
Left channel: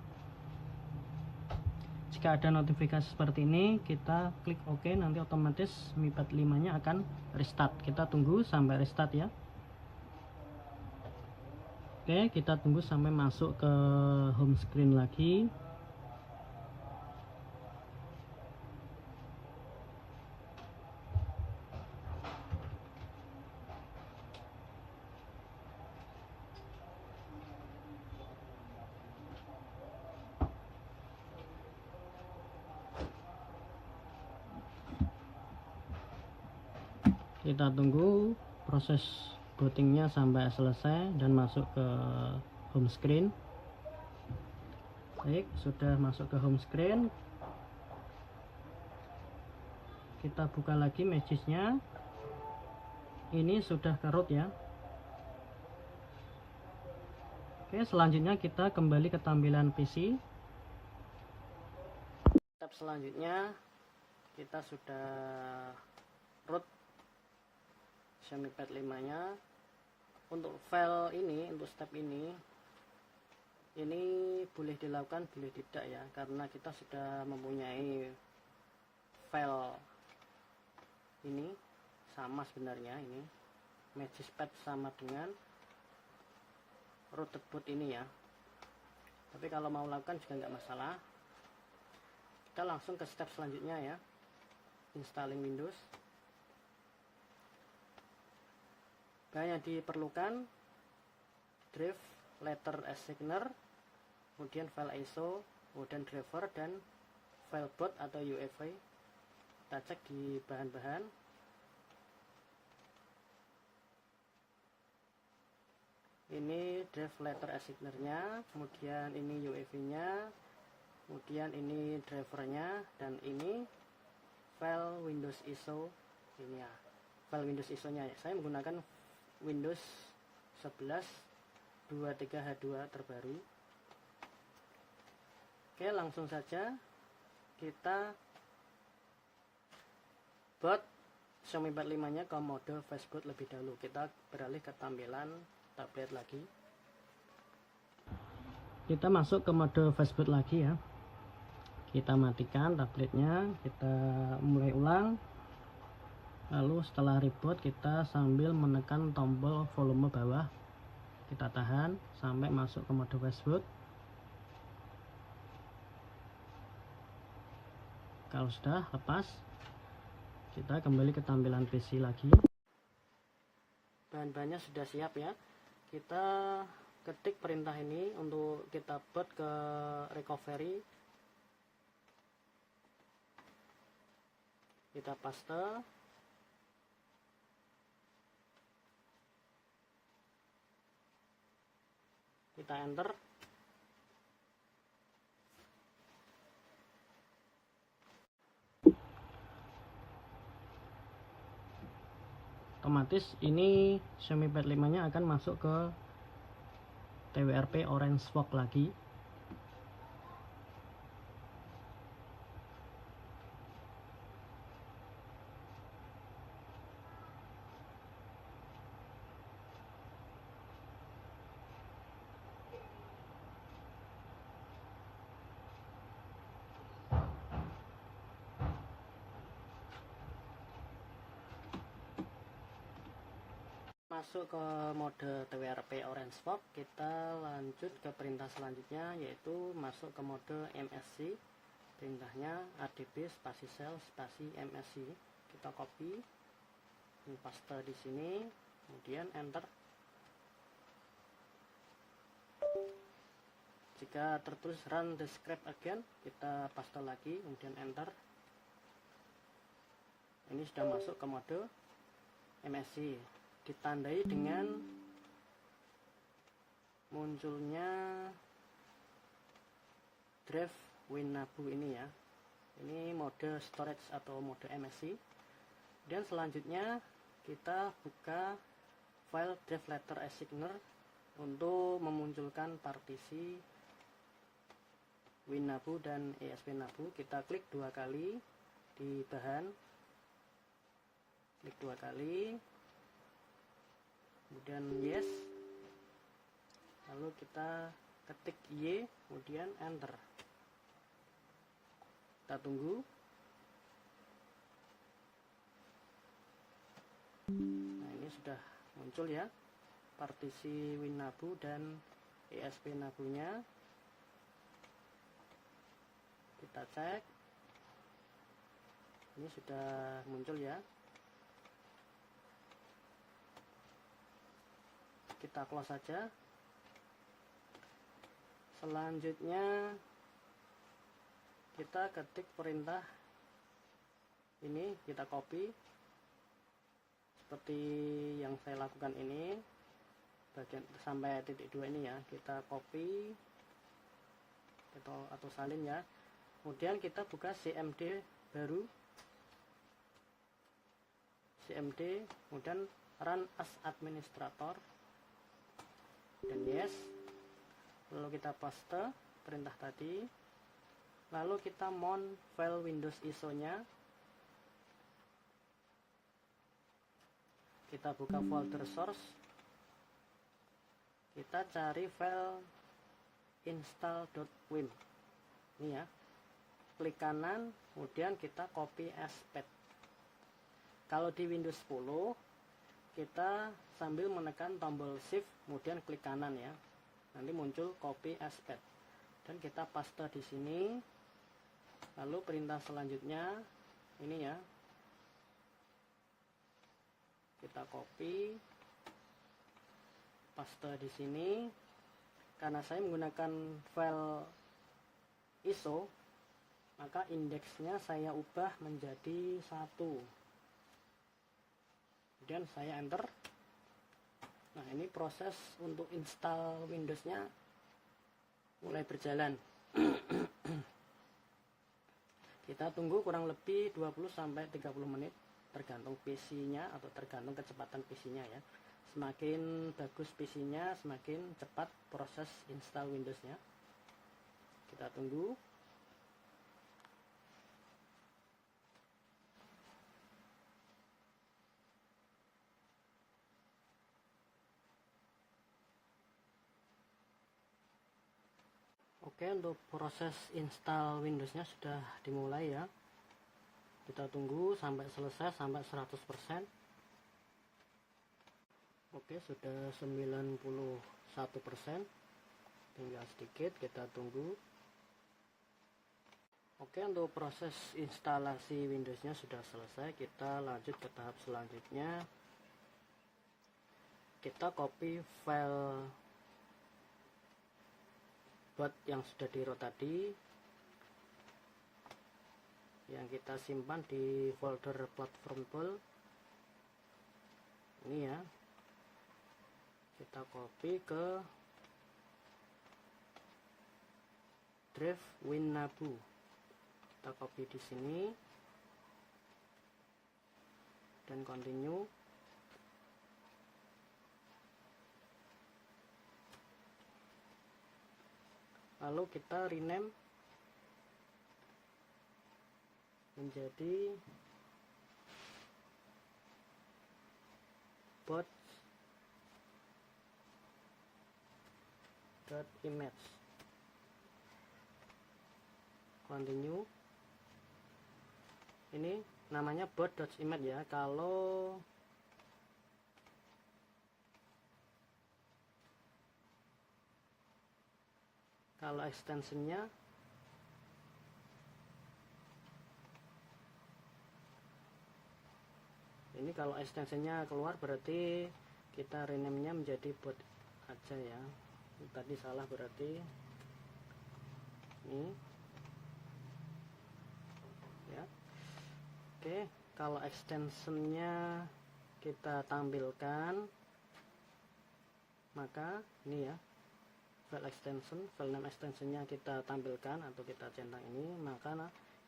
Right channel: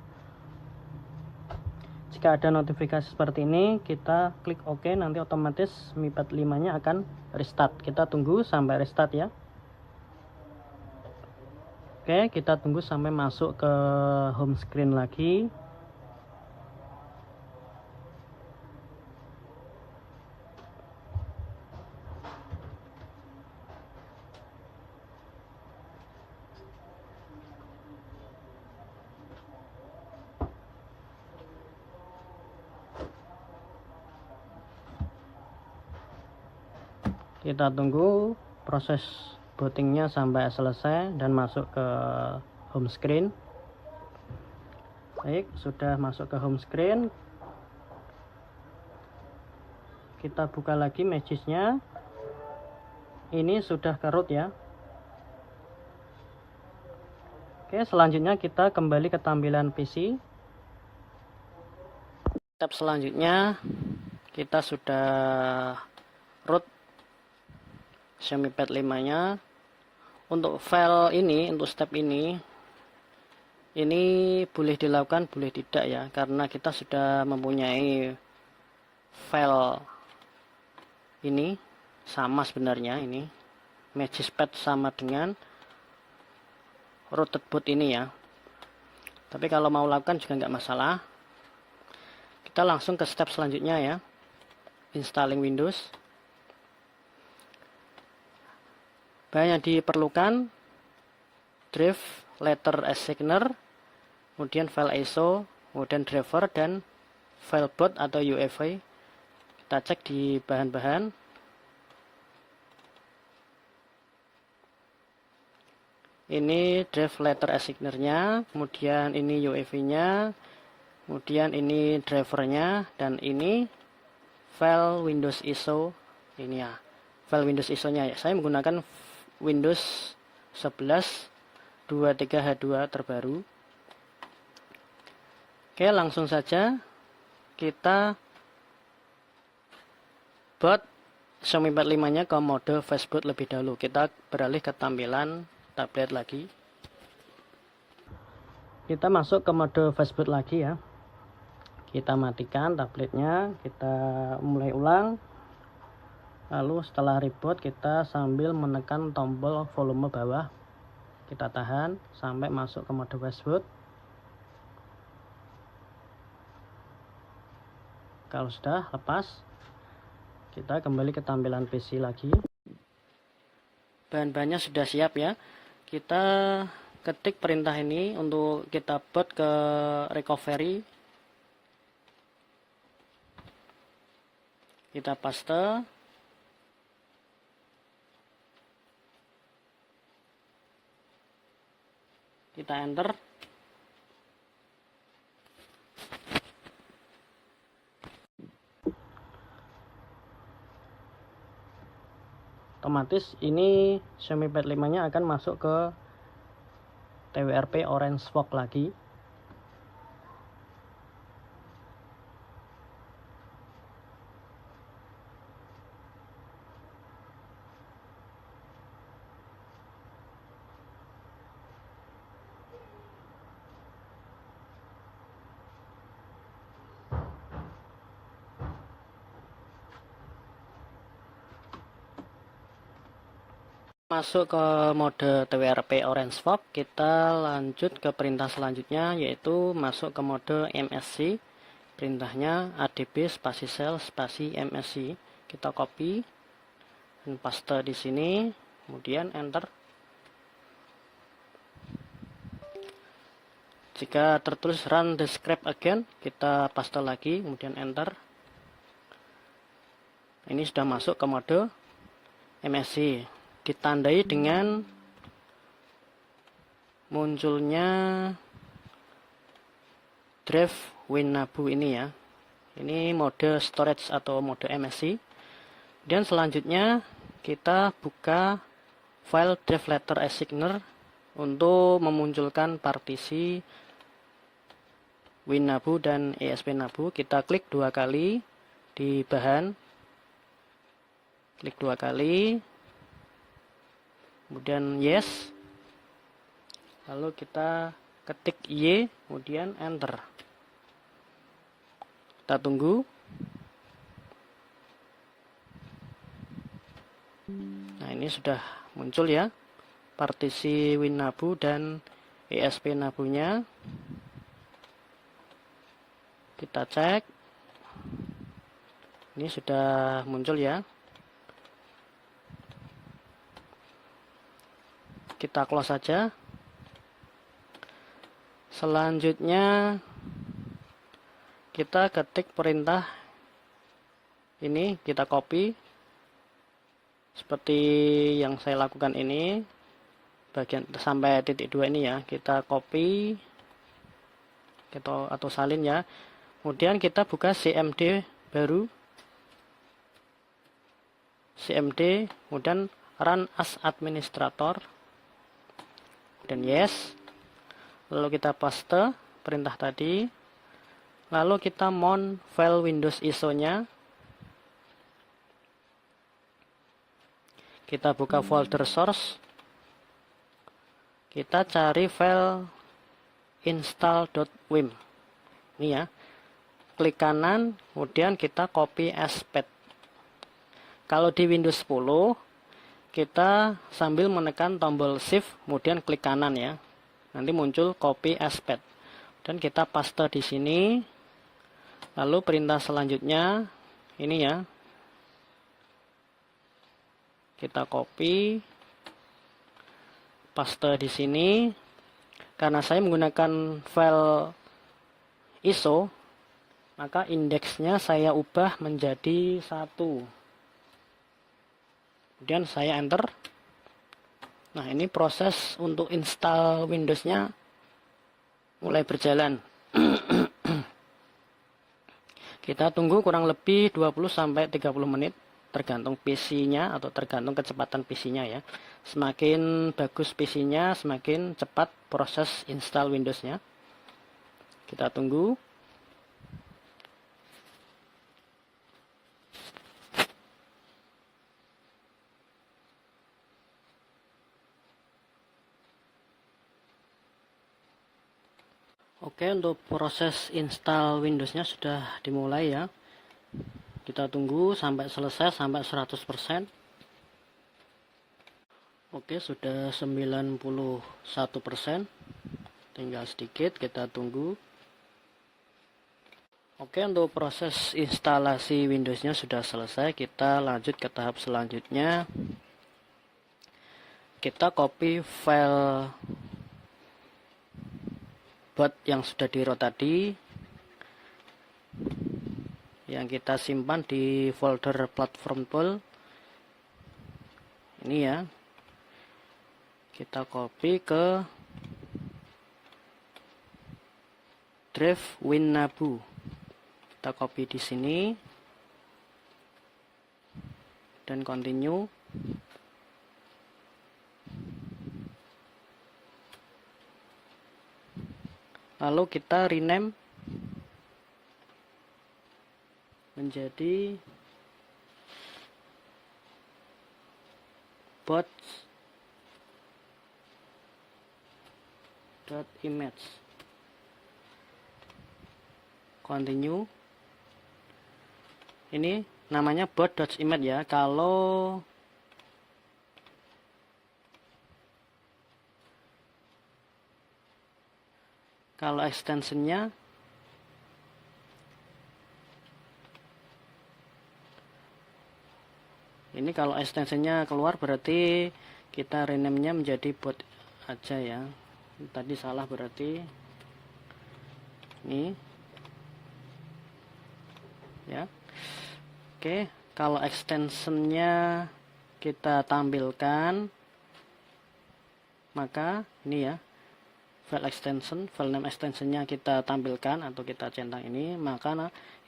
Jika ada notifikasi seperti ini, kita klik OK, nanti otomatis Mi Pad 5-nya akan restart. Kita tunggu sampai restart ya. Oke, kita tunggu sampai masuk ke home screen lagi. Kita tunggu proses bootingnya sampai selesai dan masuk ke home screen. Baik, sudah masuk ke home screen. Kita buka lagi Magis-nya. Ini sudah ke root ya. Oke, selanjutnya kita kembali ke tampilan PC. Step selanjutnya kita sudah root Xiaomi Pad 5-nya. Untuk file ini, untuk step ini boleh dilakukan, boleh tidak ya, karena kita sudah mempunyai file ini sama sebenarnya. Ini Magis Pad sama dengan rooted boot ini ya. Tapi kalau mau lakukan juga nggak masalah. Kita langsung ke step selanjutnya ya, installing Windows. Bahan yang diperlukan drive, letter assigner, kemudian file ISO, kemudian driver, dan file boot atau UEFI. Kita cek di bahan-bahan. Ini drive letter assigner-nya, kemudian ini UEFI-nya, kemudian ini drivernya, dan ini file Windows ISO. Ini ya, file Windows ISO-nya ya. Saya menggunakan Windows 11 23H2 terbaru. Oke, langsung saja kita boot Xiaomi Pad 5 nya ke mode fastboot lebih dahulu. Kita beralih ke tampilan tablet lagi. Kita masuk ke mode fastboot lagi ya. Kita matikan tabletnya, kita mulai ulang. Lalu setelah reboot kita sambil menekan tombol volume bawah, kita tahan sampai masuk ke mode fastboot. Kalau sudah lepas, kita kembali ke tampilan PC lagi. Bahan-bahannya sudah siap ya. Kita ketik perintah ini untuk kita boot ke recovery. Kita paste. Kita enter. Otomatis ini Xiaomi Pad 5 nya akan masuk ke TWRP Orange Fog lagi. Masuk ke mode TWRP Orange Fog, kita lanjut ke perintah selanjutnya, yaitu masuk ke mode MSC. Perintahnya adb spasi cell spasi MSC. Kita copy dan paste di sini, kemudian enter. Jika tertulis run the script again, kita paste lagi, kemudian enter. Ini sudah masuk ke mode MSC. Ditandai dengan munculnya drive WinNabu ini ya. Ini mode storage atau mode MSC. Dan selanjutnya kita buka file drive letter assigner untuk memunculkan partisi WinNabu dan ESP-Nabu. Kita klik 2 kali di bahan, klik 2 kali, kemudian yes, lalu kita ketik Y, kemudian enter. Kita tunggu. Nah, ini sudah muncul ya partisi WinNabu dan ESP-Nabu nya. Kita cek, ini sudah muncul ya. Kita close saja. Selanjutnya kita ketik perintah ini, kita copy seperti yang saya lakukan ini, bagian sampai titik 2 ini ya. Kita copy atau salin ya. Kemudian kita buka CMD baru, CMD, kemudian run as administrator, dan yes. Lalu kita paste perintah tadi, lalu kita mount file Windows ISO nya. Kita buka folder source, kita cari file install.wim ini ya. Klik kanan, kemudian kita copy as path. Kalau di Windows 10 kita sambil menekan tombol shift kemudian klik kanan ya, nanti muncul copy as path, dan kita paste di sini. Lalu perintah selanjutnya ini ya, kita copy paste di sini. Karena saya menggunakan file ISO, maka indeksnya saya ubah menjadi 1. Kemudian saya enter. Nah, ini proses untuk install Windows-nya mulai berjalan. Kita tunggu kurang lebih 20-30 menit. tergantung PC-nya atau tergantung kecepatan PC-nya ya. Semakin bagus PC-nya, semakin cepat proses install Windows-nya. Kita tunggu. Oke, untuk proses install Windows-nya sudah dimulai ya. Kita tunggu sampai selesai, sampai 100%. Oke, sudah 91%. Tinggal sedikit, kita tunggu. Oke, untuk proses instalasi Windows-nya sudah selesai. Kita lanjut ke tahap selanjutnya. Kita copy file buat yang sudah di root tadi, yang kita simpan di folder platform tool ini ya. Kita copy ke drive WinNabu. Kita copy di sini dan continue. Lalu kita rename menjadi bots.image. Continue. Ini namanya bot.image ya. Kalau extensionnya ini, kalau extensionnya keluar berarti kita rename-nya menjadi bot aja ya. Tadi salah berarti ini ya. Oke, kalau extensionnya kita tampilkan, maka ini ya, file name extensionnya kita tampilkan atau kita centang ini, maka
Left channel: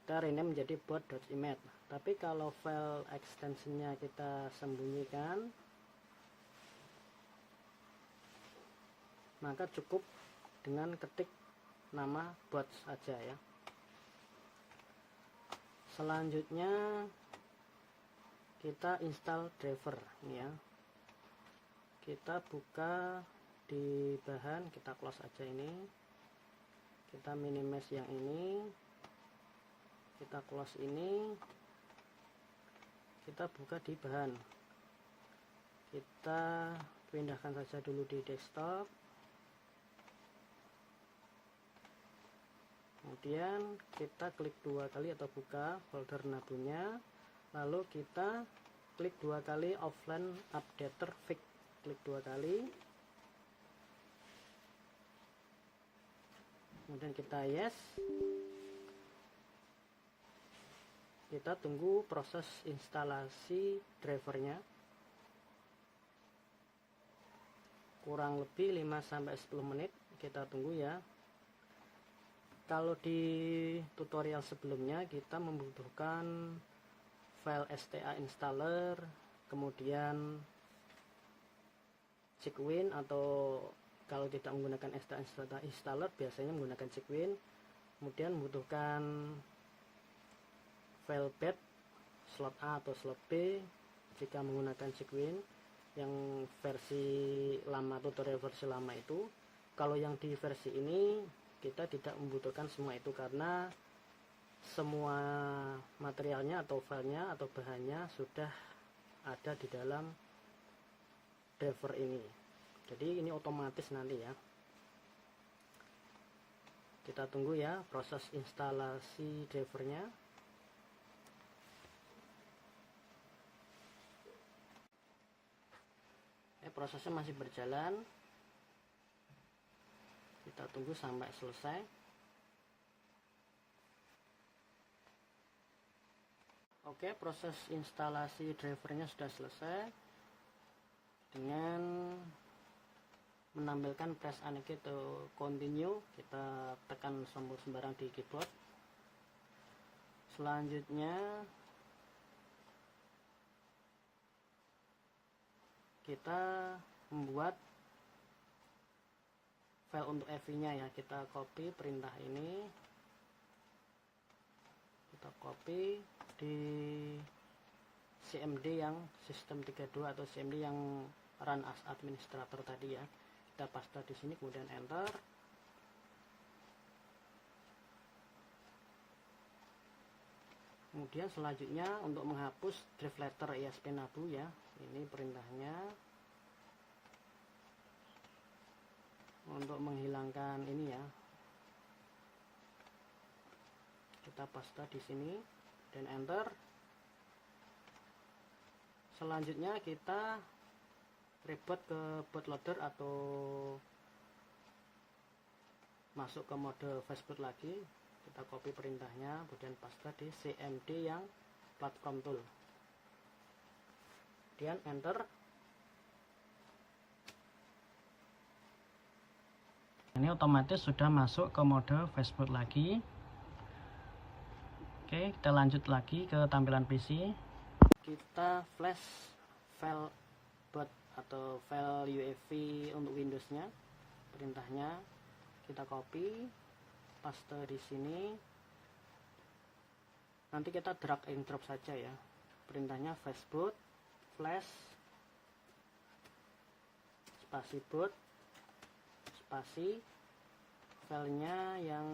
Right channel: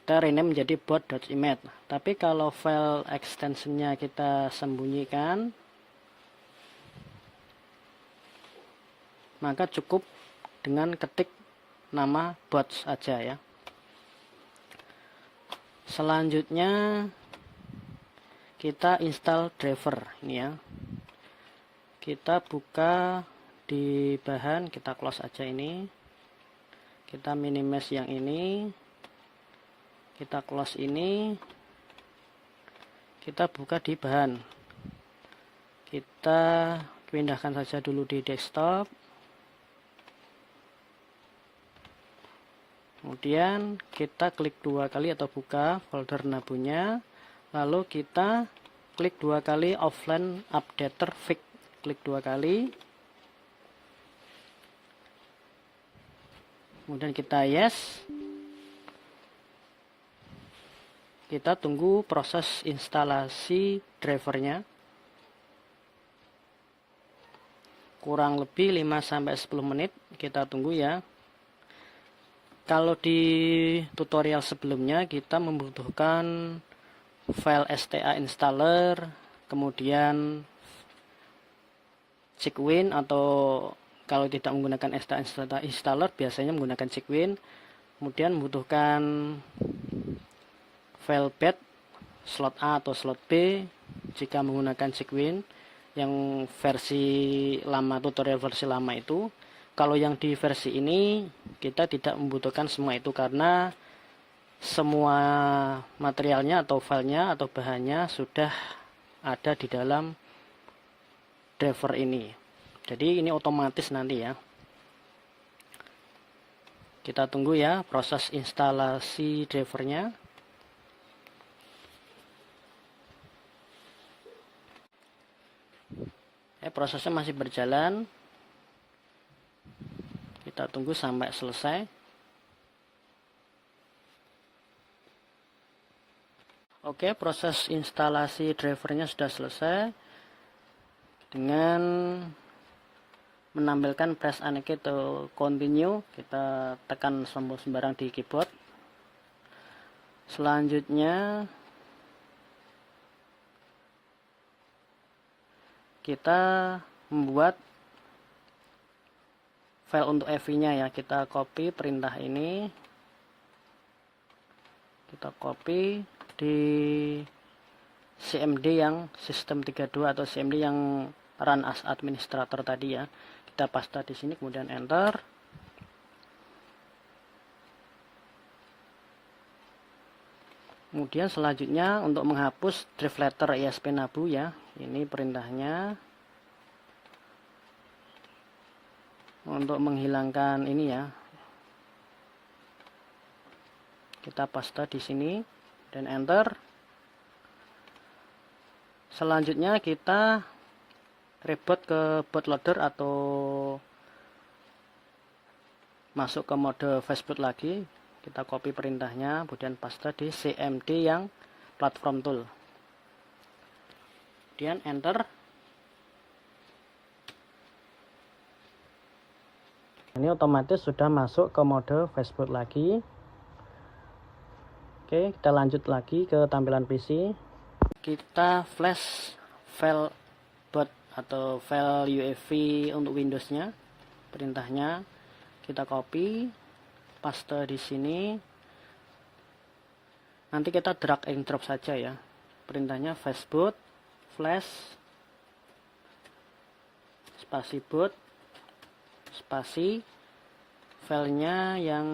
kita rename menjadi bot.image. Tapi kalau file extensionnya kita sembunyikan, maka cukup dengan ketik nama bots aja ya. Selanjutnya kita install driver ini ya. Kita buka di bahan, kita close aja ini, kita minimize yang ini, kita close ini, kita buka di bahan, kita pindahkan saja dulu di desktop, kemudian kita klik dua kali atau buka folder nabunya, lalu kita klik dua kali offline updater fix, klik dua kali. Kemudian kita yes. Kita tunggu proses instalasi drivernya. Kurang lebih 5-10 menit kita tunggu ya. Kalau di tutorial sebelumnya kita membutuhkan file STA installer, kemudian Cicwin, atau kalau tidak menggunakan STA installer biasanya menggunakan Cicwin. Kemudian membutuhkan file path slot A atau slot B jika menggunakan Cicwin yang versi lama, tutorial versi lama itu. Kalau yang di versi ini kita tidak membutuhkan semua itu karena semua materialnya atau filenya atau bahannya sudah ada di dalam driver ini. Jadi ini otomatis nanti ya. Kita tunggu ya proses instalasi drivernya. Prosesnya masih berjalan. Kita tunggu sampai selesai. Oke, proses instalasi drivernya sudah selesai dengan menampilkan press anake atau continue. Kita tekan sembarang di keyboard. Selanjutnya kita membuat file untuk EV-nya ya. Kita copy perintah ini, kita copy di CMD yang sistem 32 atau CMD yang run as administrator tadi ya. Kita paste di sini, kemudian enter. Kemudian selanjutnya untuk menghapus drive letter ESP Nabu ya, ini perintahnya. Untuk menghilangkan ini ya, kita paste di sini dan enter. Selanjutnya kita reboot ke bootloader atau masuk ke mode fastboot lagi. Kita copy perintahnya, kemudian paste di CMD yang platform tool. Kemudian enter. Ini otomatis sudah masuk ke mode fastboot lagi. Oke, kita lanjut lagi ke tampilan PC. Kita flash file boot atau file UEFI untuk Windows-nya. Perintahnya kita copy, paste di sini. Nanti kita drag and drop saja ya. Perintahnya fastboot flash spasi boot spasi filenya yang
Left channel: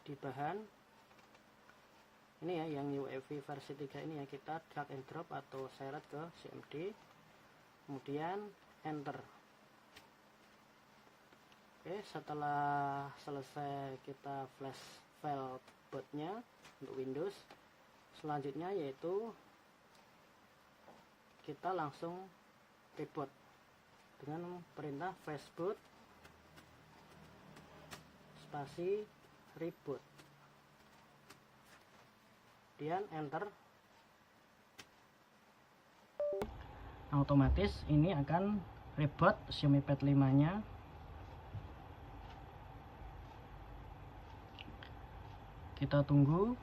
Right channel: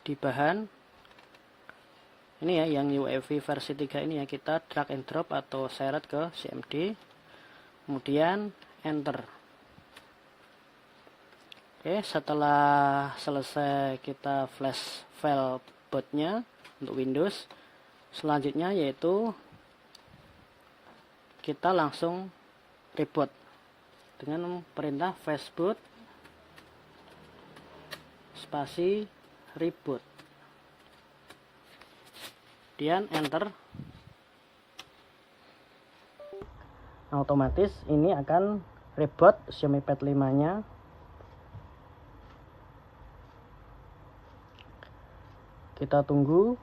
di bahan ini ya, yang UEFI versi 3 ini ya, kita drag and drop atau seret ke CMD, kemudian enter. Oke, setelah selesai kita flash file bootnya untuk Windows, selanjutnya yaitu kita langsung reboot dengan perintah fastboot spasi reboot, kemudian enter. Otomatis ini akan reboot Xiaomi Pad 5 nya. Kita tunggu.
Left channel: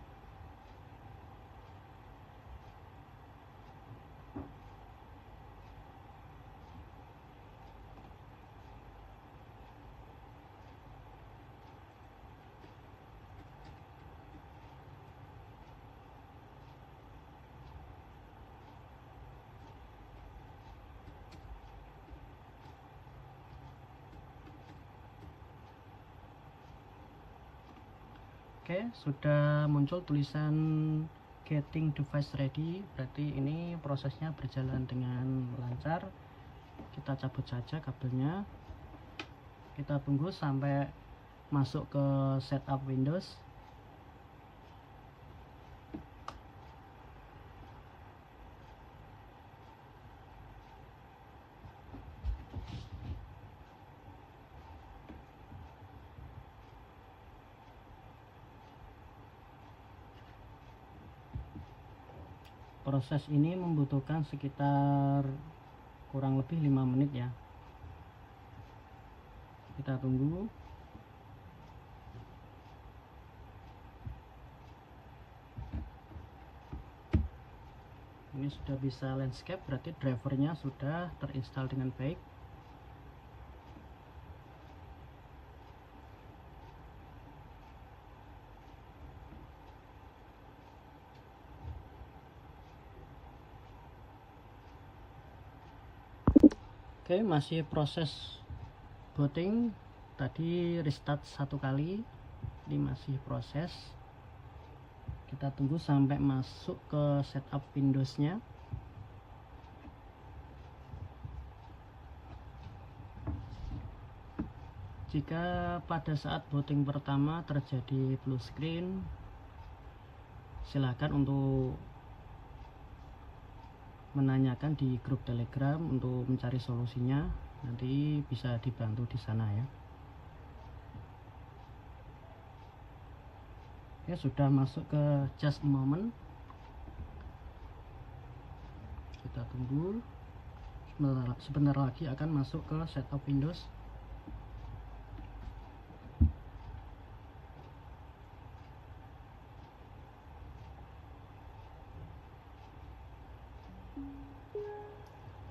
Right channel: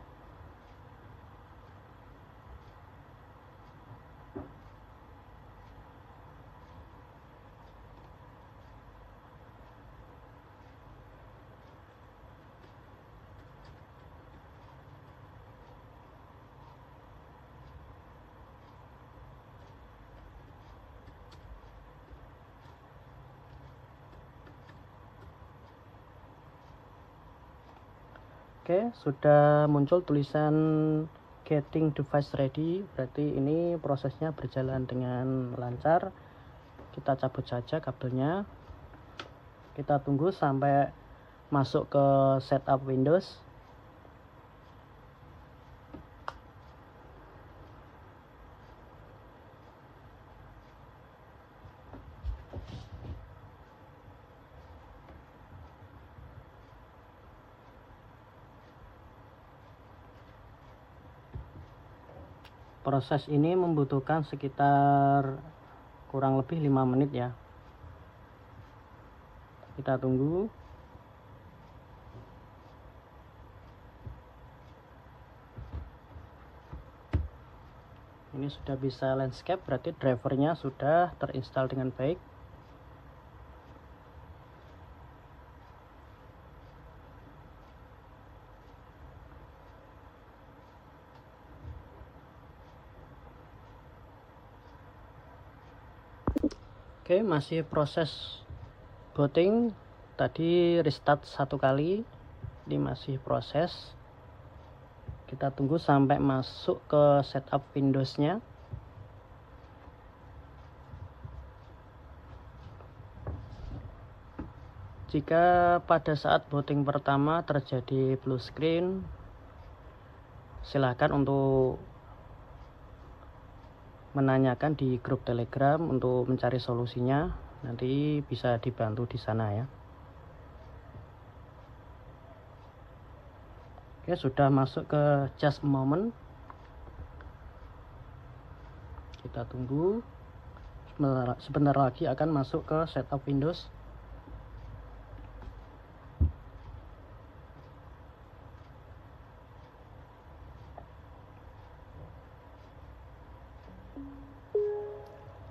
Oke, sudah muncul tulisan getting device ready, berarti ini prosesnya berjalan dengan lancar. Kita cabut saja kabelnya, kita tunggu sampai masuk ke setup Windows. Proses ini membutuhkan sekitar kurang lebih 5 menit ya. Kita tunggu. Ini sudah bisa landscape, berarti drivernya sudah terinstall dengan baik. Oke, masih proses booting. Tadi restart 1 kali, ini masih proses. Kita tunggu sampai masuk ke setup Windows-nya. Jika pada saat booting pertama terjadi blue screen, silakan untuk menanyakan di grup Telegram untuk mencari solusinya. Nanti bisa dibantu di sana ya. Oke, sudah masuk ke just a moment. Kita tunggu. Sebentar lagi akan masuk ke setup Windows.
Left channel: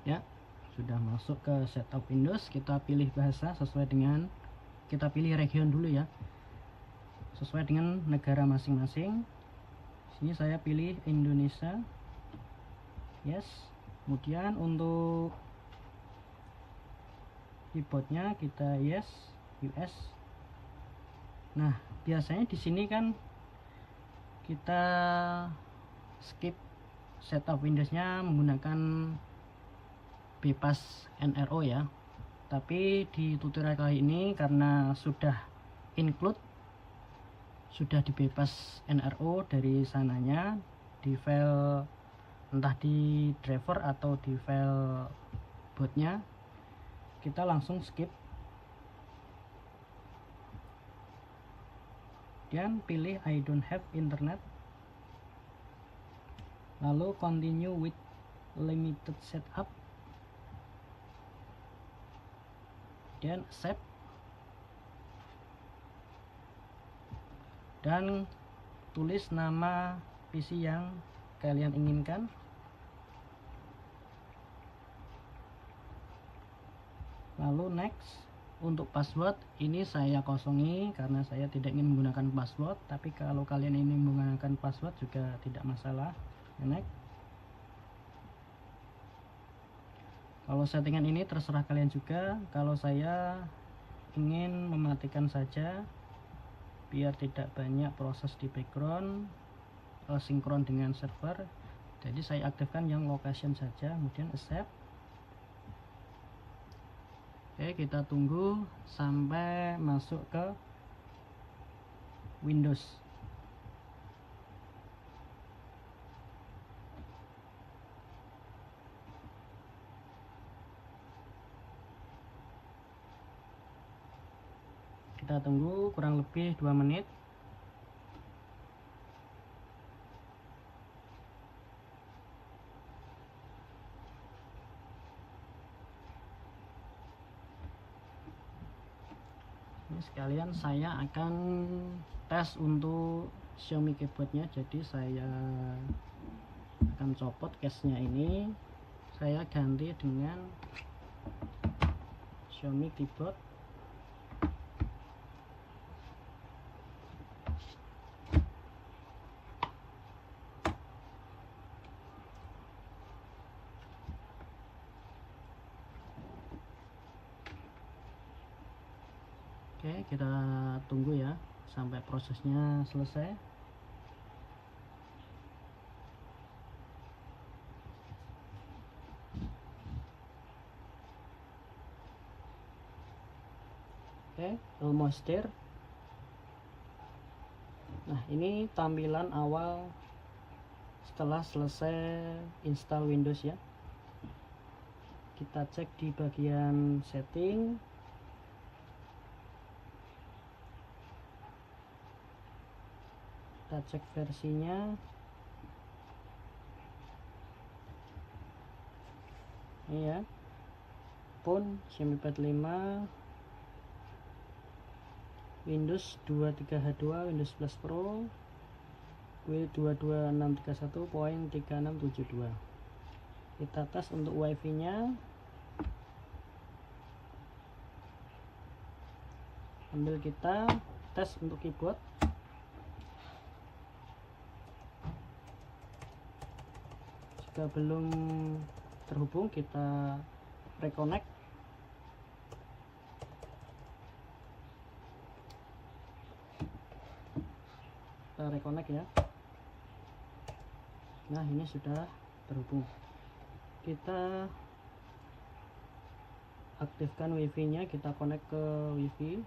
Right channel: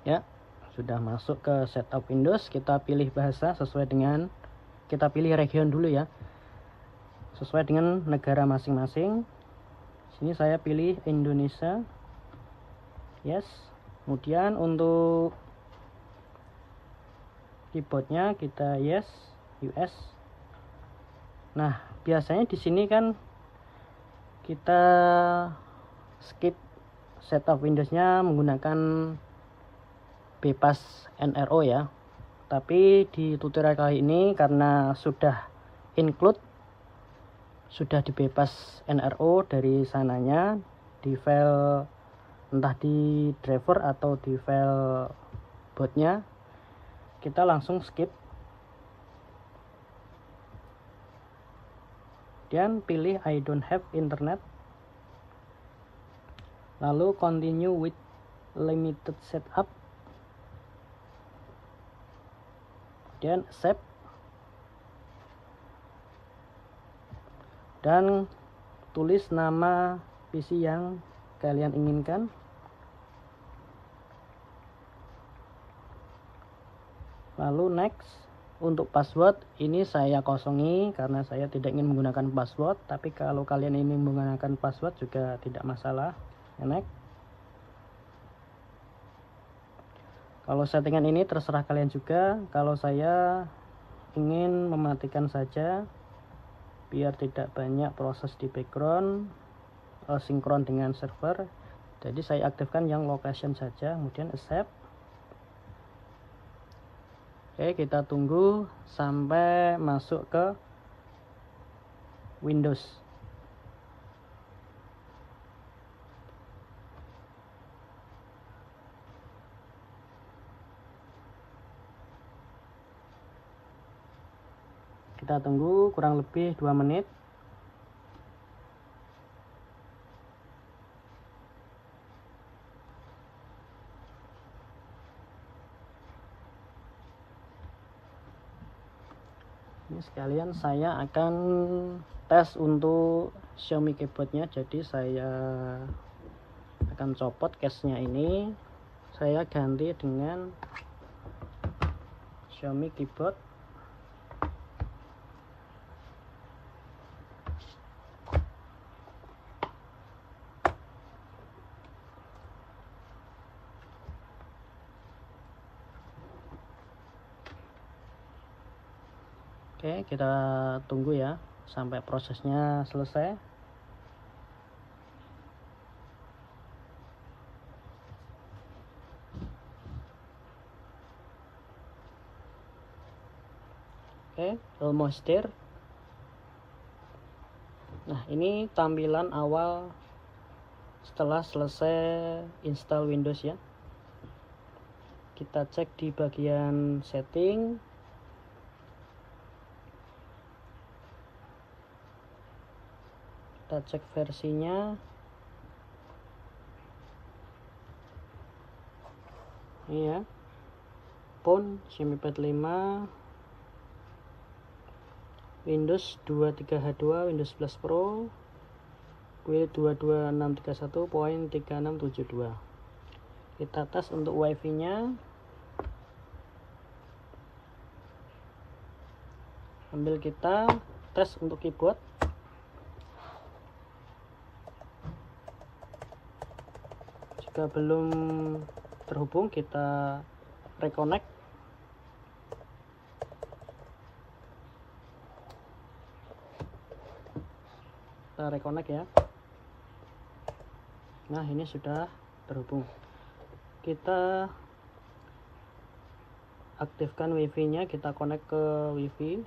Ya, Sudah masuk ke setup Windows, kita pilih bahasa sesuai dengan, kita pilih region dulu ya, sesuai dengan negara masing-masing. Sini saya pilih Indonesia, yes. Kemudian untuk keyboardnya kita yes, US. Nah, biasanya di sini kan kita skip setup Windowsnya menggunakan bebas NRO ya. Tapi di tutorial kali ini karena sudah include, sudah dibebas NRO dari sananya di file, entah di driver atau di file bootnya, kita langsung skip dan pilih I don't have internet, lalu continue with limited setup dan accept, dan tulis nama PC yang kalian inginkan. Lalu next. Untuk password ini saya kosongi karena saya tidak ingin menggunakan password, tapi kalau kalian ingin menggunakan password juga tidak masalah. Next. Kalau settingan ini terserah kalian juga. Kalau saya ingin mematikan saja biar tidak banyak proses di background sinkron dengan server, jadi saya aktifkan yang location saja, kemudian accept. Oke, kita tunggu sampai masuk ke Windows. Kita tunggu kurang lebih 2 menit. Ini sekalian saya akan tes untuk Xiaomi keyboardnya, jadi saya akan copot case-nya ini, saya ganti dengan Xiaomi keyboard. Oke, kita tunggu ya sampai prosesnya selesai. Oke, almost there. Nah, ini tampilan awal setelah selesai install Windows ya. Kita cek di bagian setting. Kita cek versinya. Ini ya. Phone Xiaomi Pad 5, Windows 23H2, Windows 11 Pro, W22631.3672. Kita tes untuk WiFi nya. Sambil kita tes untuk keyboard. Jika belum terhubung, kita reconnect. Kita reconnect ya. Nah, ini sudah terhubung. Kita aktifkan wifi nya, kita connect ke wifi.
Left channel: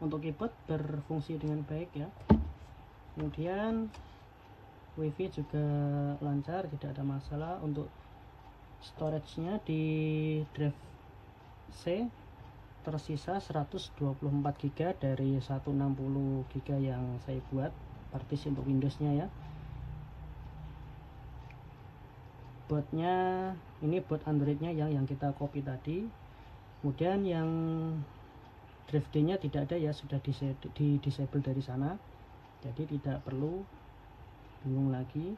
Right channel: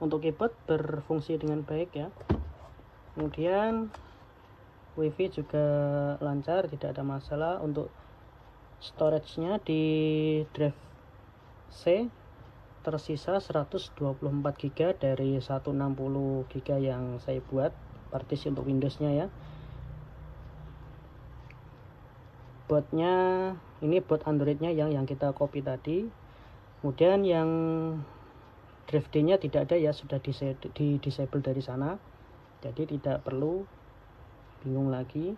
Untuk keyboard berfungsi dengan baik ya. Kemudian wifi juga lancar, tidak ada masalah. Untuk storage nya di drive C tersisa 124 GB dari 160 GB yang saya buat partisi untuk Windows nya ya. Bootnya ini boot Android nya yang kita copy tadi. Kemudian yang drive D nya tidak ada ya, sudah di disable dari sana. jadi tidak perlu bingung lagi.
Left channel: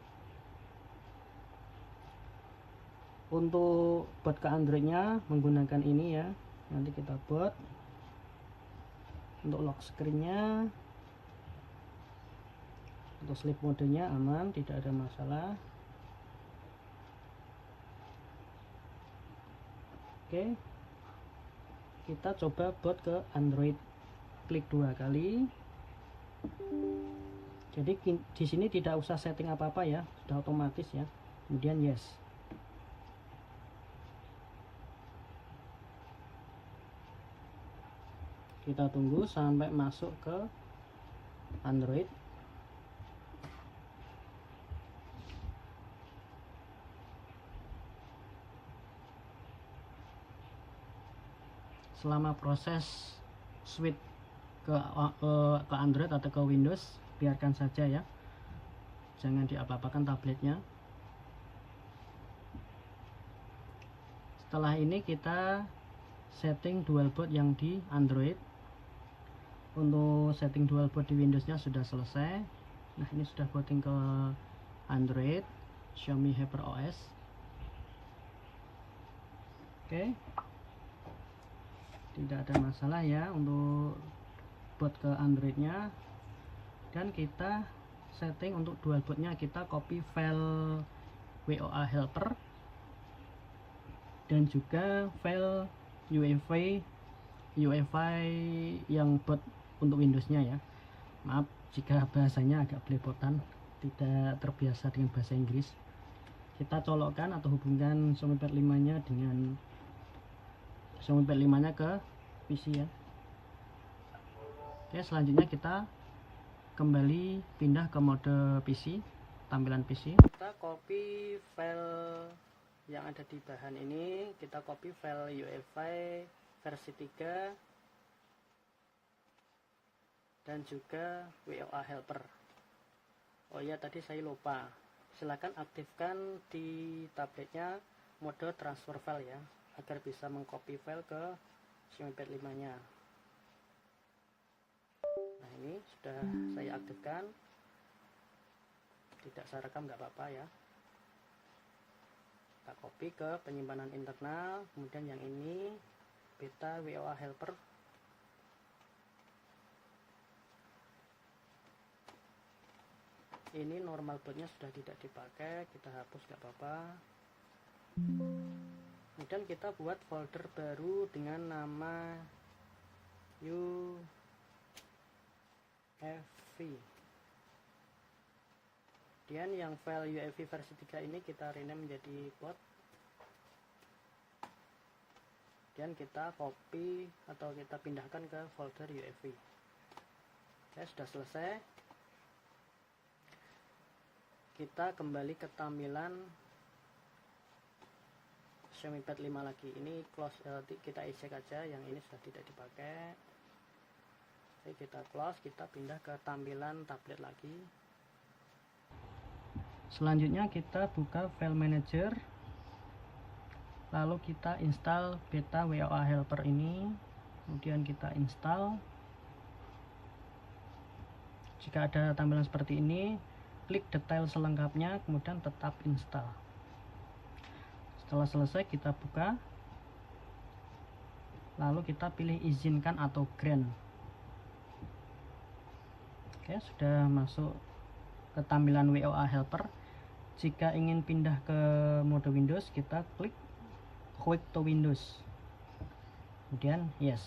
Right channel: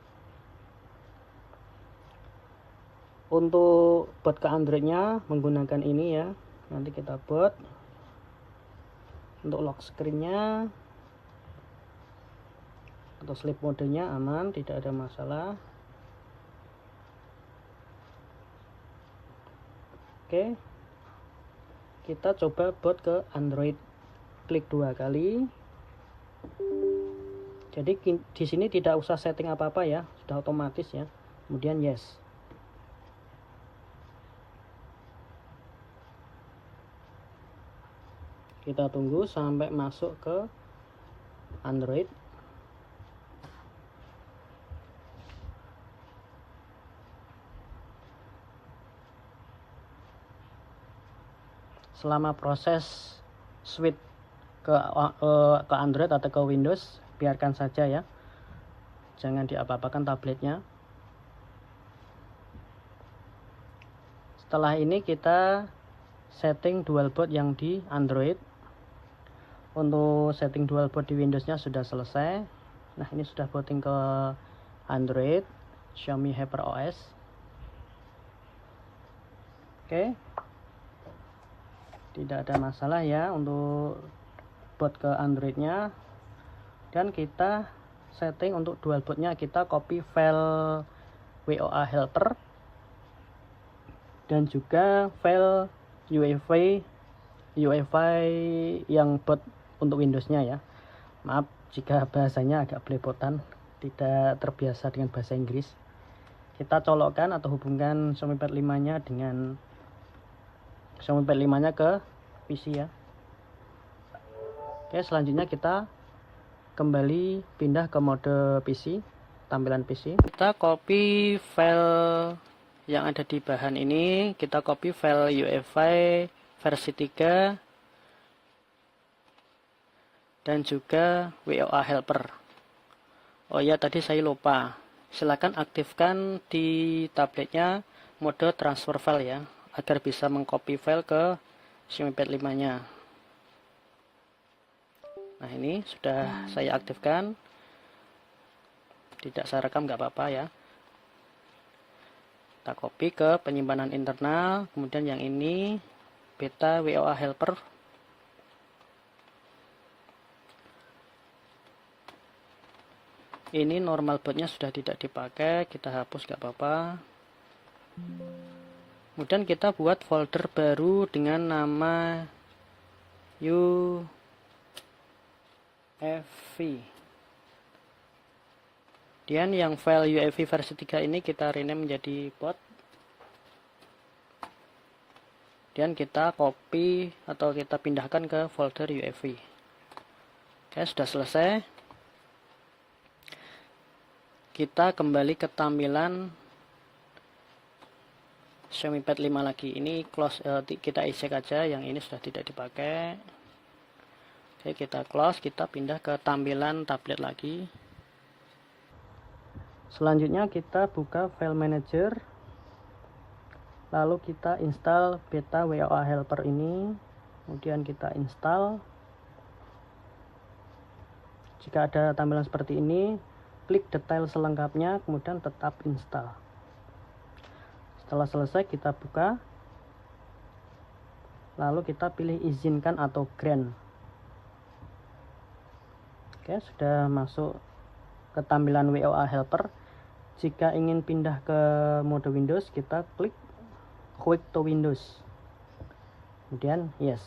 Untuk boot ke Androidnya menggunakan ini ya, nanti kita boot. Untuk lock screennya atau sleep modenya aman, tidak ada masalah. Oke, kita coba boot ke Android, klik 2 kali. Jadi di sini tidak usah setting apa-apa ya, sudah otomatis ya. Kemudian yes. Kita tunggu sampai masuk ke Android. Selama proses switch ke Android atau ke Windows, biarkan saja ya, jangan diapa-apakan tabletnya. Setelah ini kita setting dual boot yang di Android. Untuk setting dual boot di Windowsnya sudah selesai. Nah, ini sudah booting ke Android Xiaomi HyperOS. Oke, tidak ada masalah ya untuk boot ke Androidnya. Dan kita setting untuk dual bootnya, kita copy file WOA helper dan juga file UEFI yang boot untuk Windowsnya ya. Maaf jika bahasanya agak belepotan, tidak terbiasa dengan bahasa Inggris. Kita colokkan atau hubungkan Xiaomi Pad 5 nya dengan Xiaomi Pad 5 nya ke PC ya. Oke, selanjutnya kita kembali pindah ke mode PC, tampilan PC. Kita copy file yang ada di bahan ini, kita copy file UEFI versi 3 dan juga WOA helper. Oh ya, tadi saya lupa, silakan aktifkan di tabletnya mode transfer file ya, agar bisa mengcopy file ke Xiaomi Pad 5 nya. Nah, ini sudah saya aktifkan, tidak saya rekam nggak apa-apa ya. Kita copy ke penyimpanan internal, kemudian yang ini beta WOA helper. Ini normal bootnya sudah tidak dipakai, kita hapus gak apa-apa. Kemudian kita buat folder baru dengan nama UEFI. Kemudian yang file UEFI versi 3 ini kita rename menjadi boot. Dan kita copy atau kita pindahkan ke folder UEFI. Oke, sudah selesai. Kita kembali ke tampilan Xiaomi Pad 5 lagi. Ini close, kita eject aja, yang ini sudah tidak dipakai. Oke, kita close, kita pindah ke tampilan tablet lagi. Selanjutnya kita buka file manager, lalu kita install beta WOA helper ini, kemudian kita install. Jika ada tampilan seperti ini, klik detail selengkapnya, kemudian tetap install. Setelah selesai kita buka, lalu kita pilih izinkan atau grant. Oke, sudah masuk ke tampilan WOA helper. Jika ingin pindah ke mode Windows, kita klik Quick to Windows, kemudian yes.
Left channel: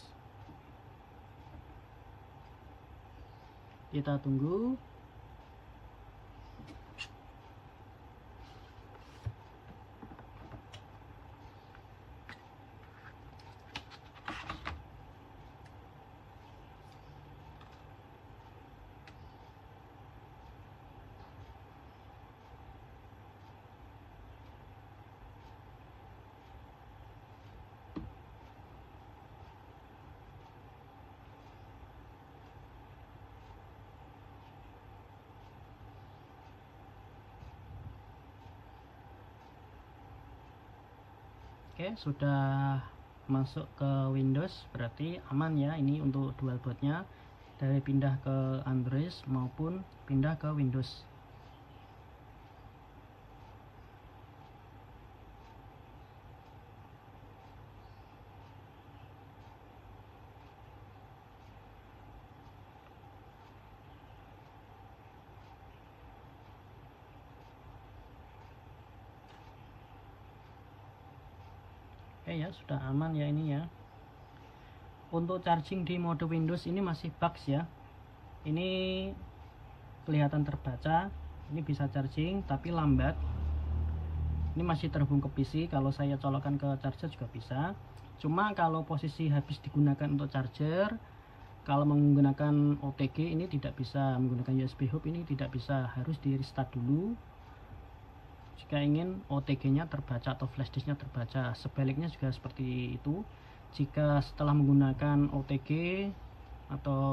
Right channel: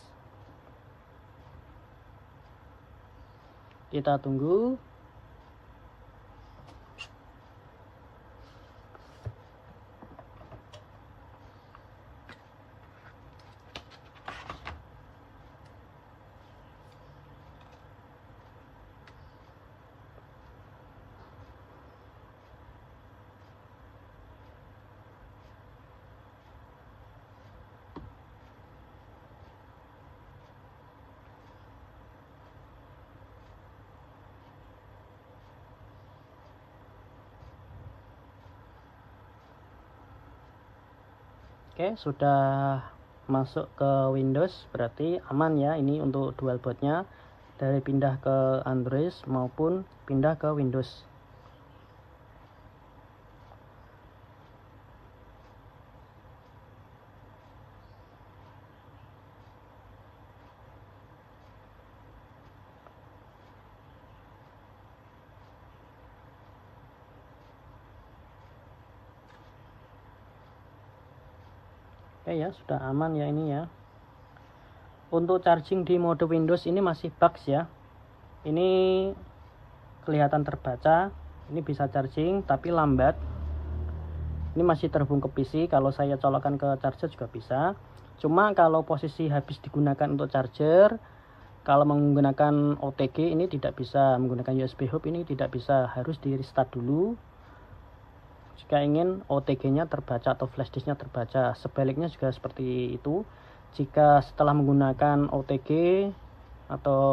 Kita tunggu. Oke, sudah masuk ke Windows, berarti aman ya ini untuk dual bootnya. dari pindah ke Android maupun pindah ke Windows. Oke ya, sudah aman ya ini ya. Untuk charging di mode Windows ini masih bugs ya. Ini kelihatan terbaca, ini bisa charging tapi lambat. Ini masih terhubung ke PC, kalau saya colokkan ke charger juga bisa. Cuma kalau posisi habis digunakan untuk charger, kalau menggunakan OTG ini tidak bisa, menggunakan USB hub ini tidak bisa, harus di restart dulu jika ingin OTG-nya terbaca atau flash disk-nya terbaca. Sebaliknya juga seperti itu. Jika setelah menggunakan OTG atau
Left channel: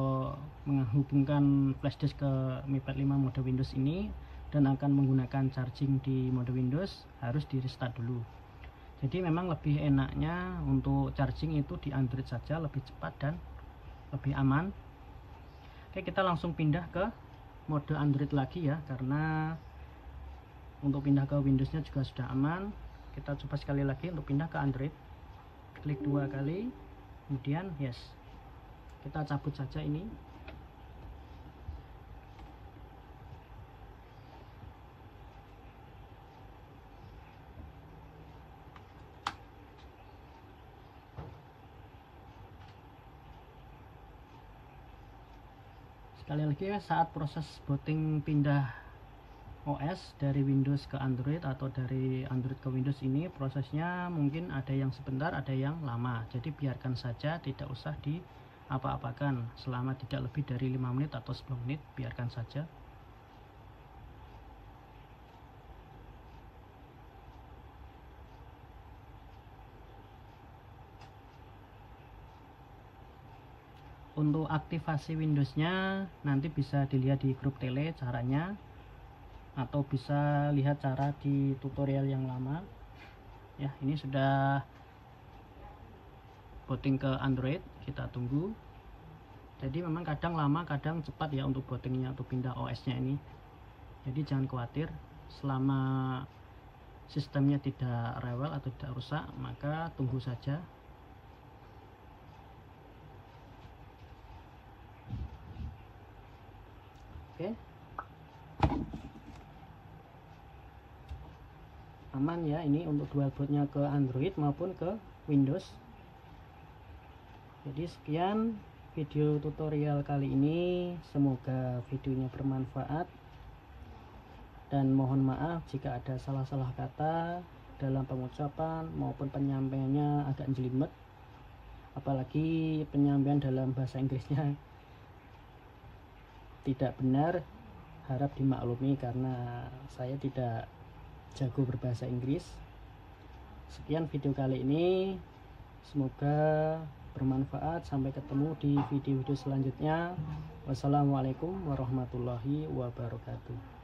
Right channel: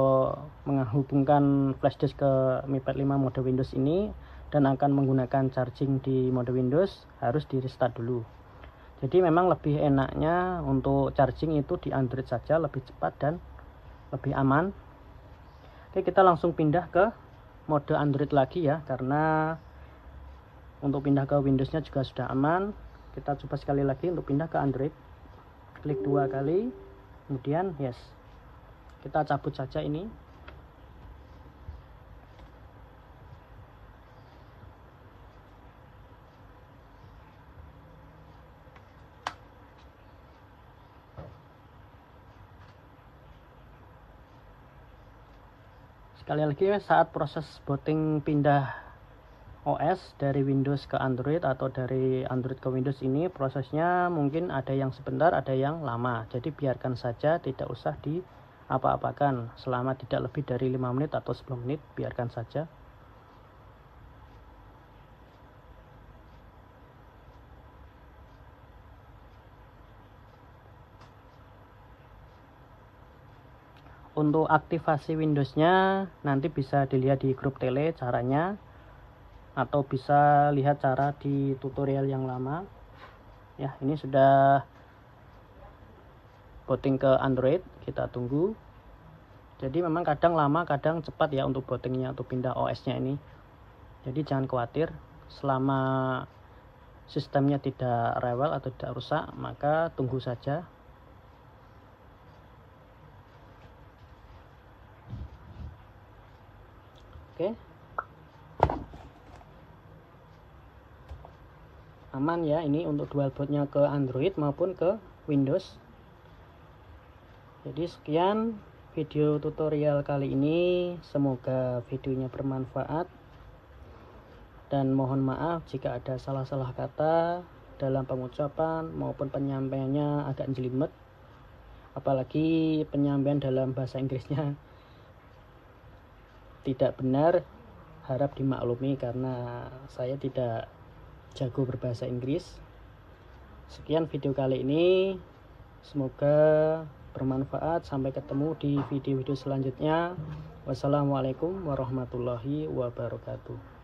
menghubungkan flash disk ke Mi Pad 5 mode Windows ini dan akan menggunakan charging di mode Windows, harus di restart dulu. Jadi memang lebih enaknya untuk charging itu di Android saja, lebih cepat dan lebih aman. Oke, kita langsung pindah ke mode Android lagi ya, karena untuk pindah ke Windows-nya juga sudah aman. Kita coba sekali lagi untuk pindah ke Android. Klik 2 kali, kemudian yes. Kita cabut saja ini. Sekali lagi, saat proses booting pindah OS dari Windows ke Android atau dari Android ke Windows ini, prosesnya mungkin ada yang sebentar, ada yang lama. Jadi biarkan saja, tidak usah di apa-apakan selama tidak lebih dari 5 menit atau 10 menit, biarkan saja. Untuk aktivasi Windows-nya nanti bisa dilihat di grup tele caranya, atau bisa lihat cara di tutorial yang lama ya. Ini sudah booting ke Android, kita tunggu. Jadi memang kadang lama kadang cepat ya untuk bootingnya, untuk pindah OS nya ini. Jadi jangan khawatir, selama sistemnya tidak rewel atau tidak rusak, maka tunggu saja. Oke, aman ya ini untuk dual bootnya ke Android maupun ke Windows. Jadi sekian video tutorial kali ini, semoga videonya bermanfaat dan mohon maaf jika ada salah-salah kata dalam pengucapan maupun penyampaiannya agak jelimet, apalagi penyampaian dalam bahasa Inggrisnya tidak benar. Harap dimaklumi karena saya tidak jago berbahasa Inggris. Sekian video kali ini, semoga bermanfaat. Sampai ketemu di video-video selanjutnya. Wassalamualaikum warahmatullahi wabarakatuh.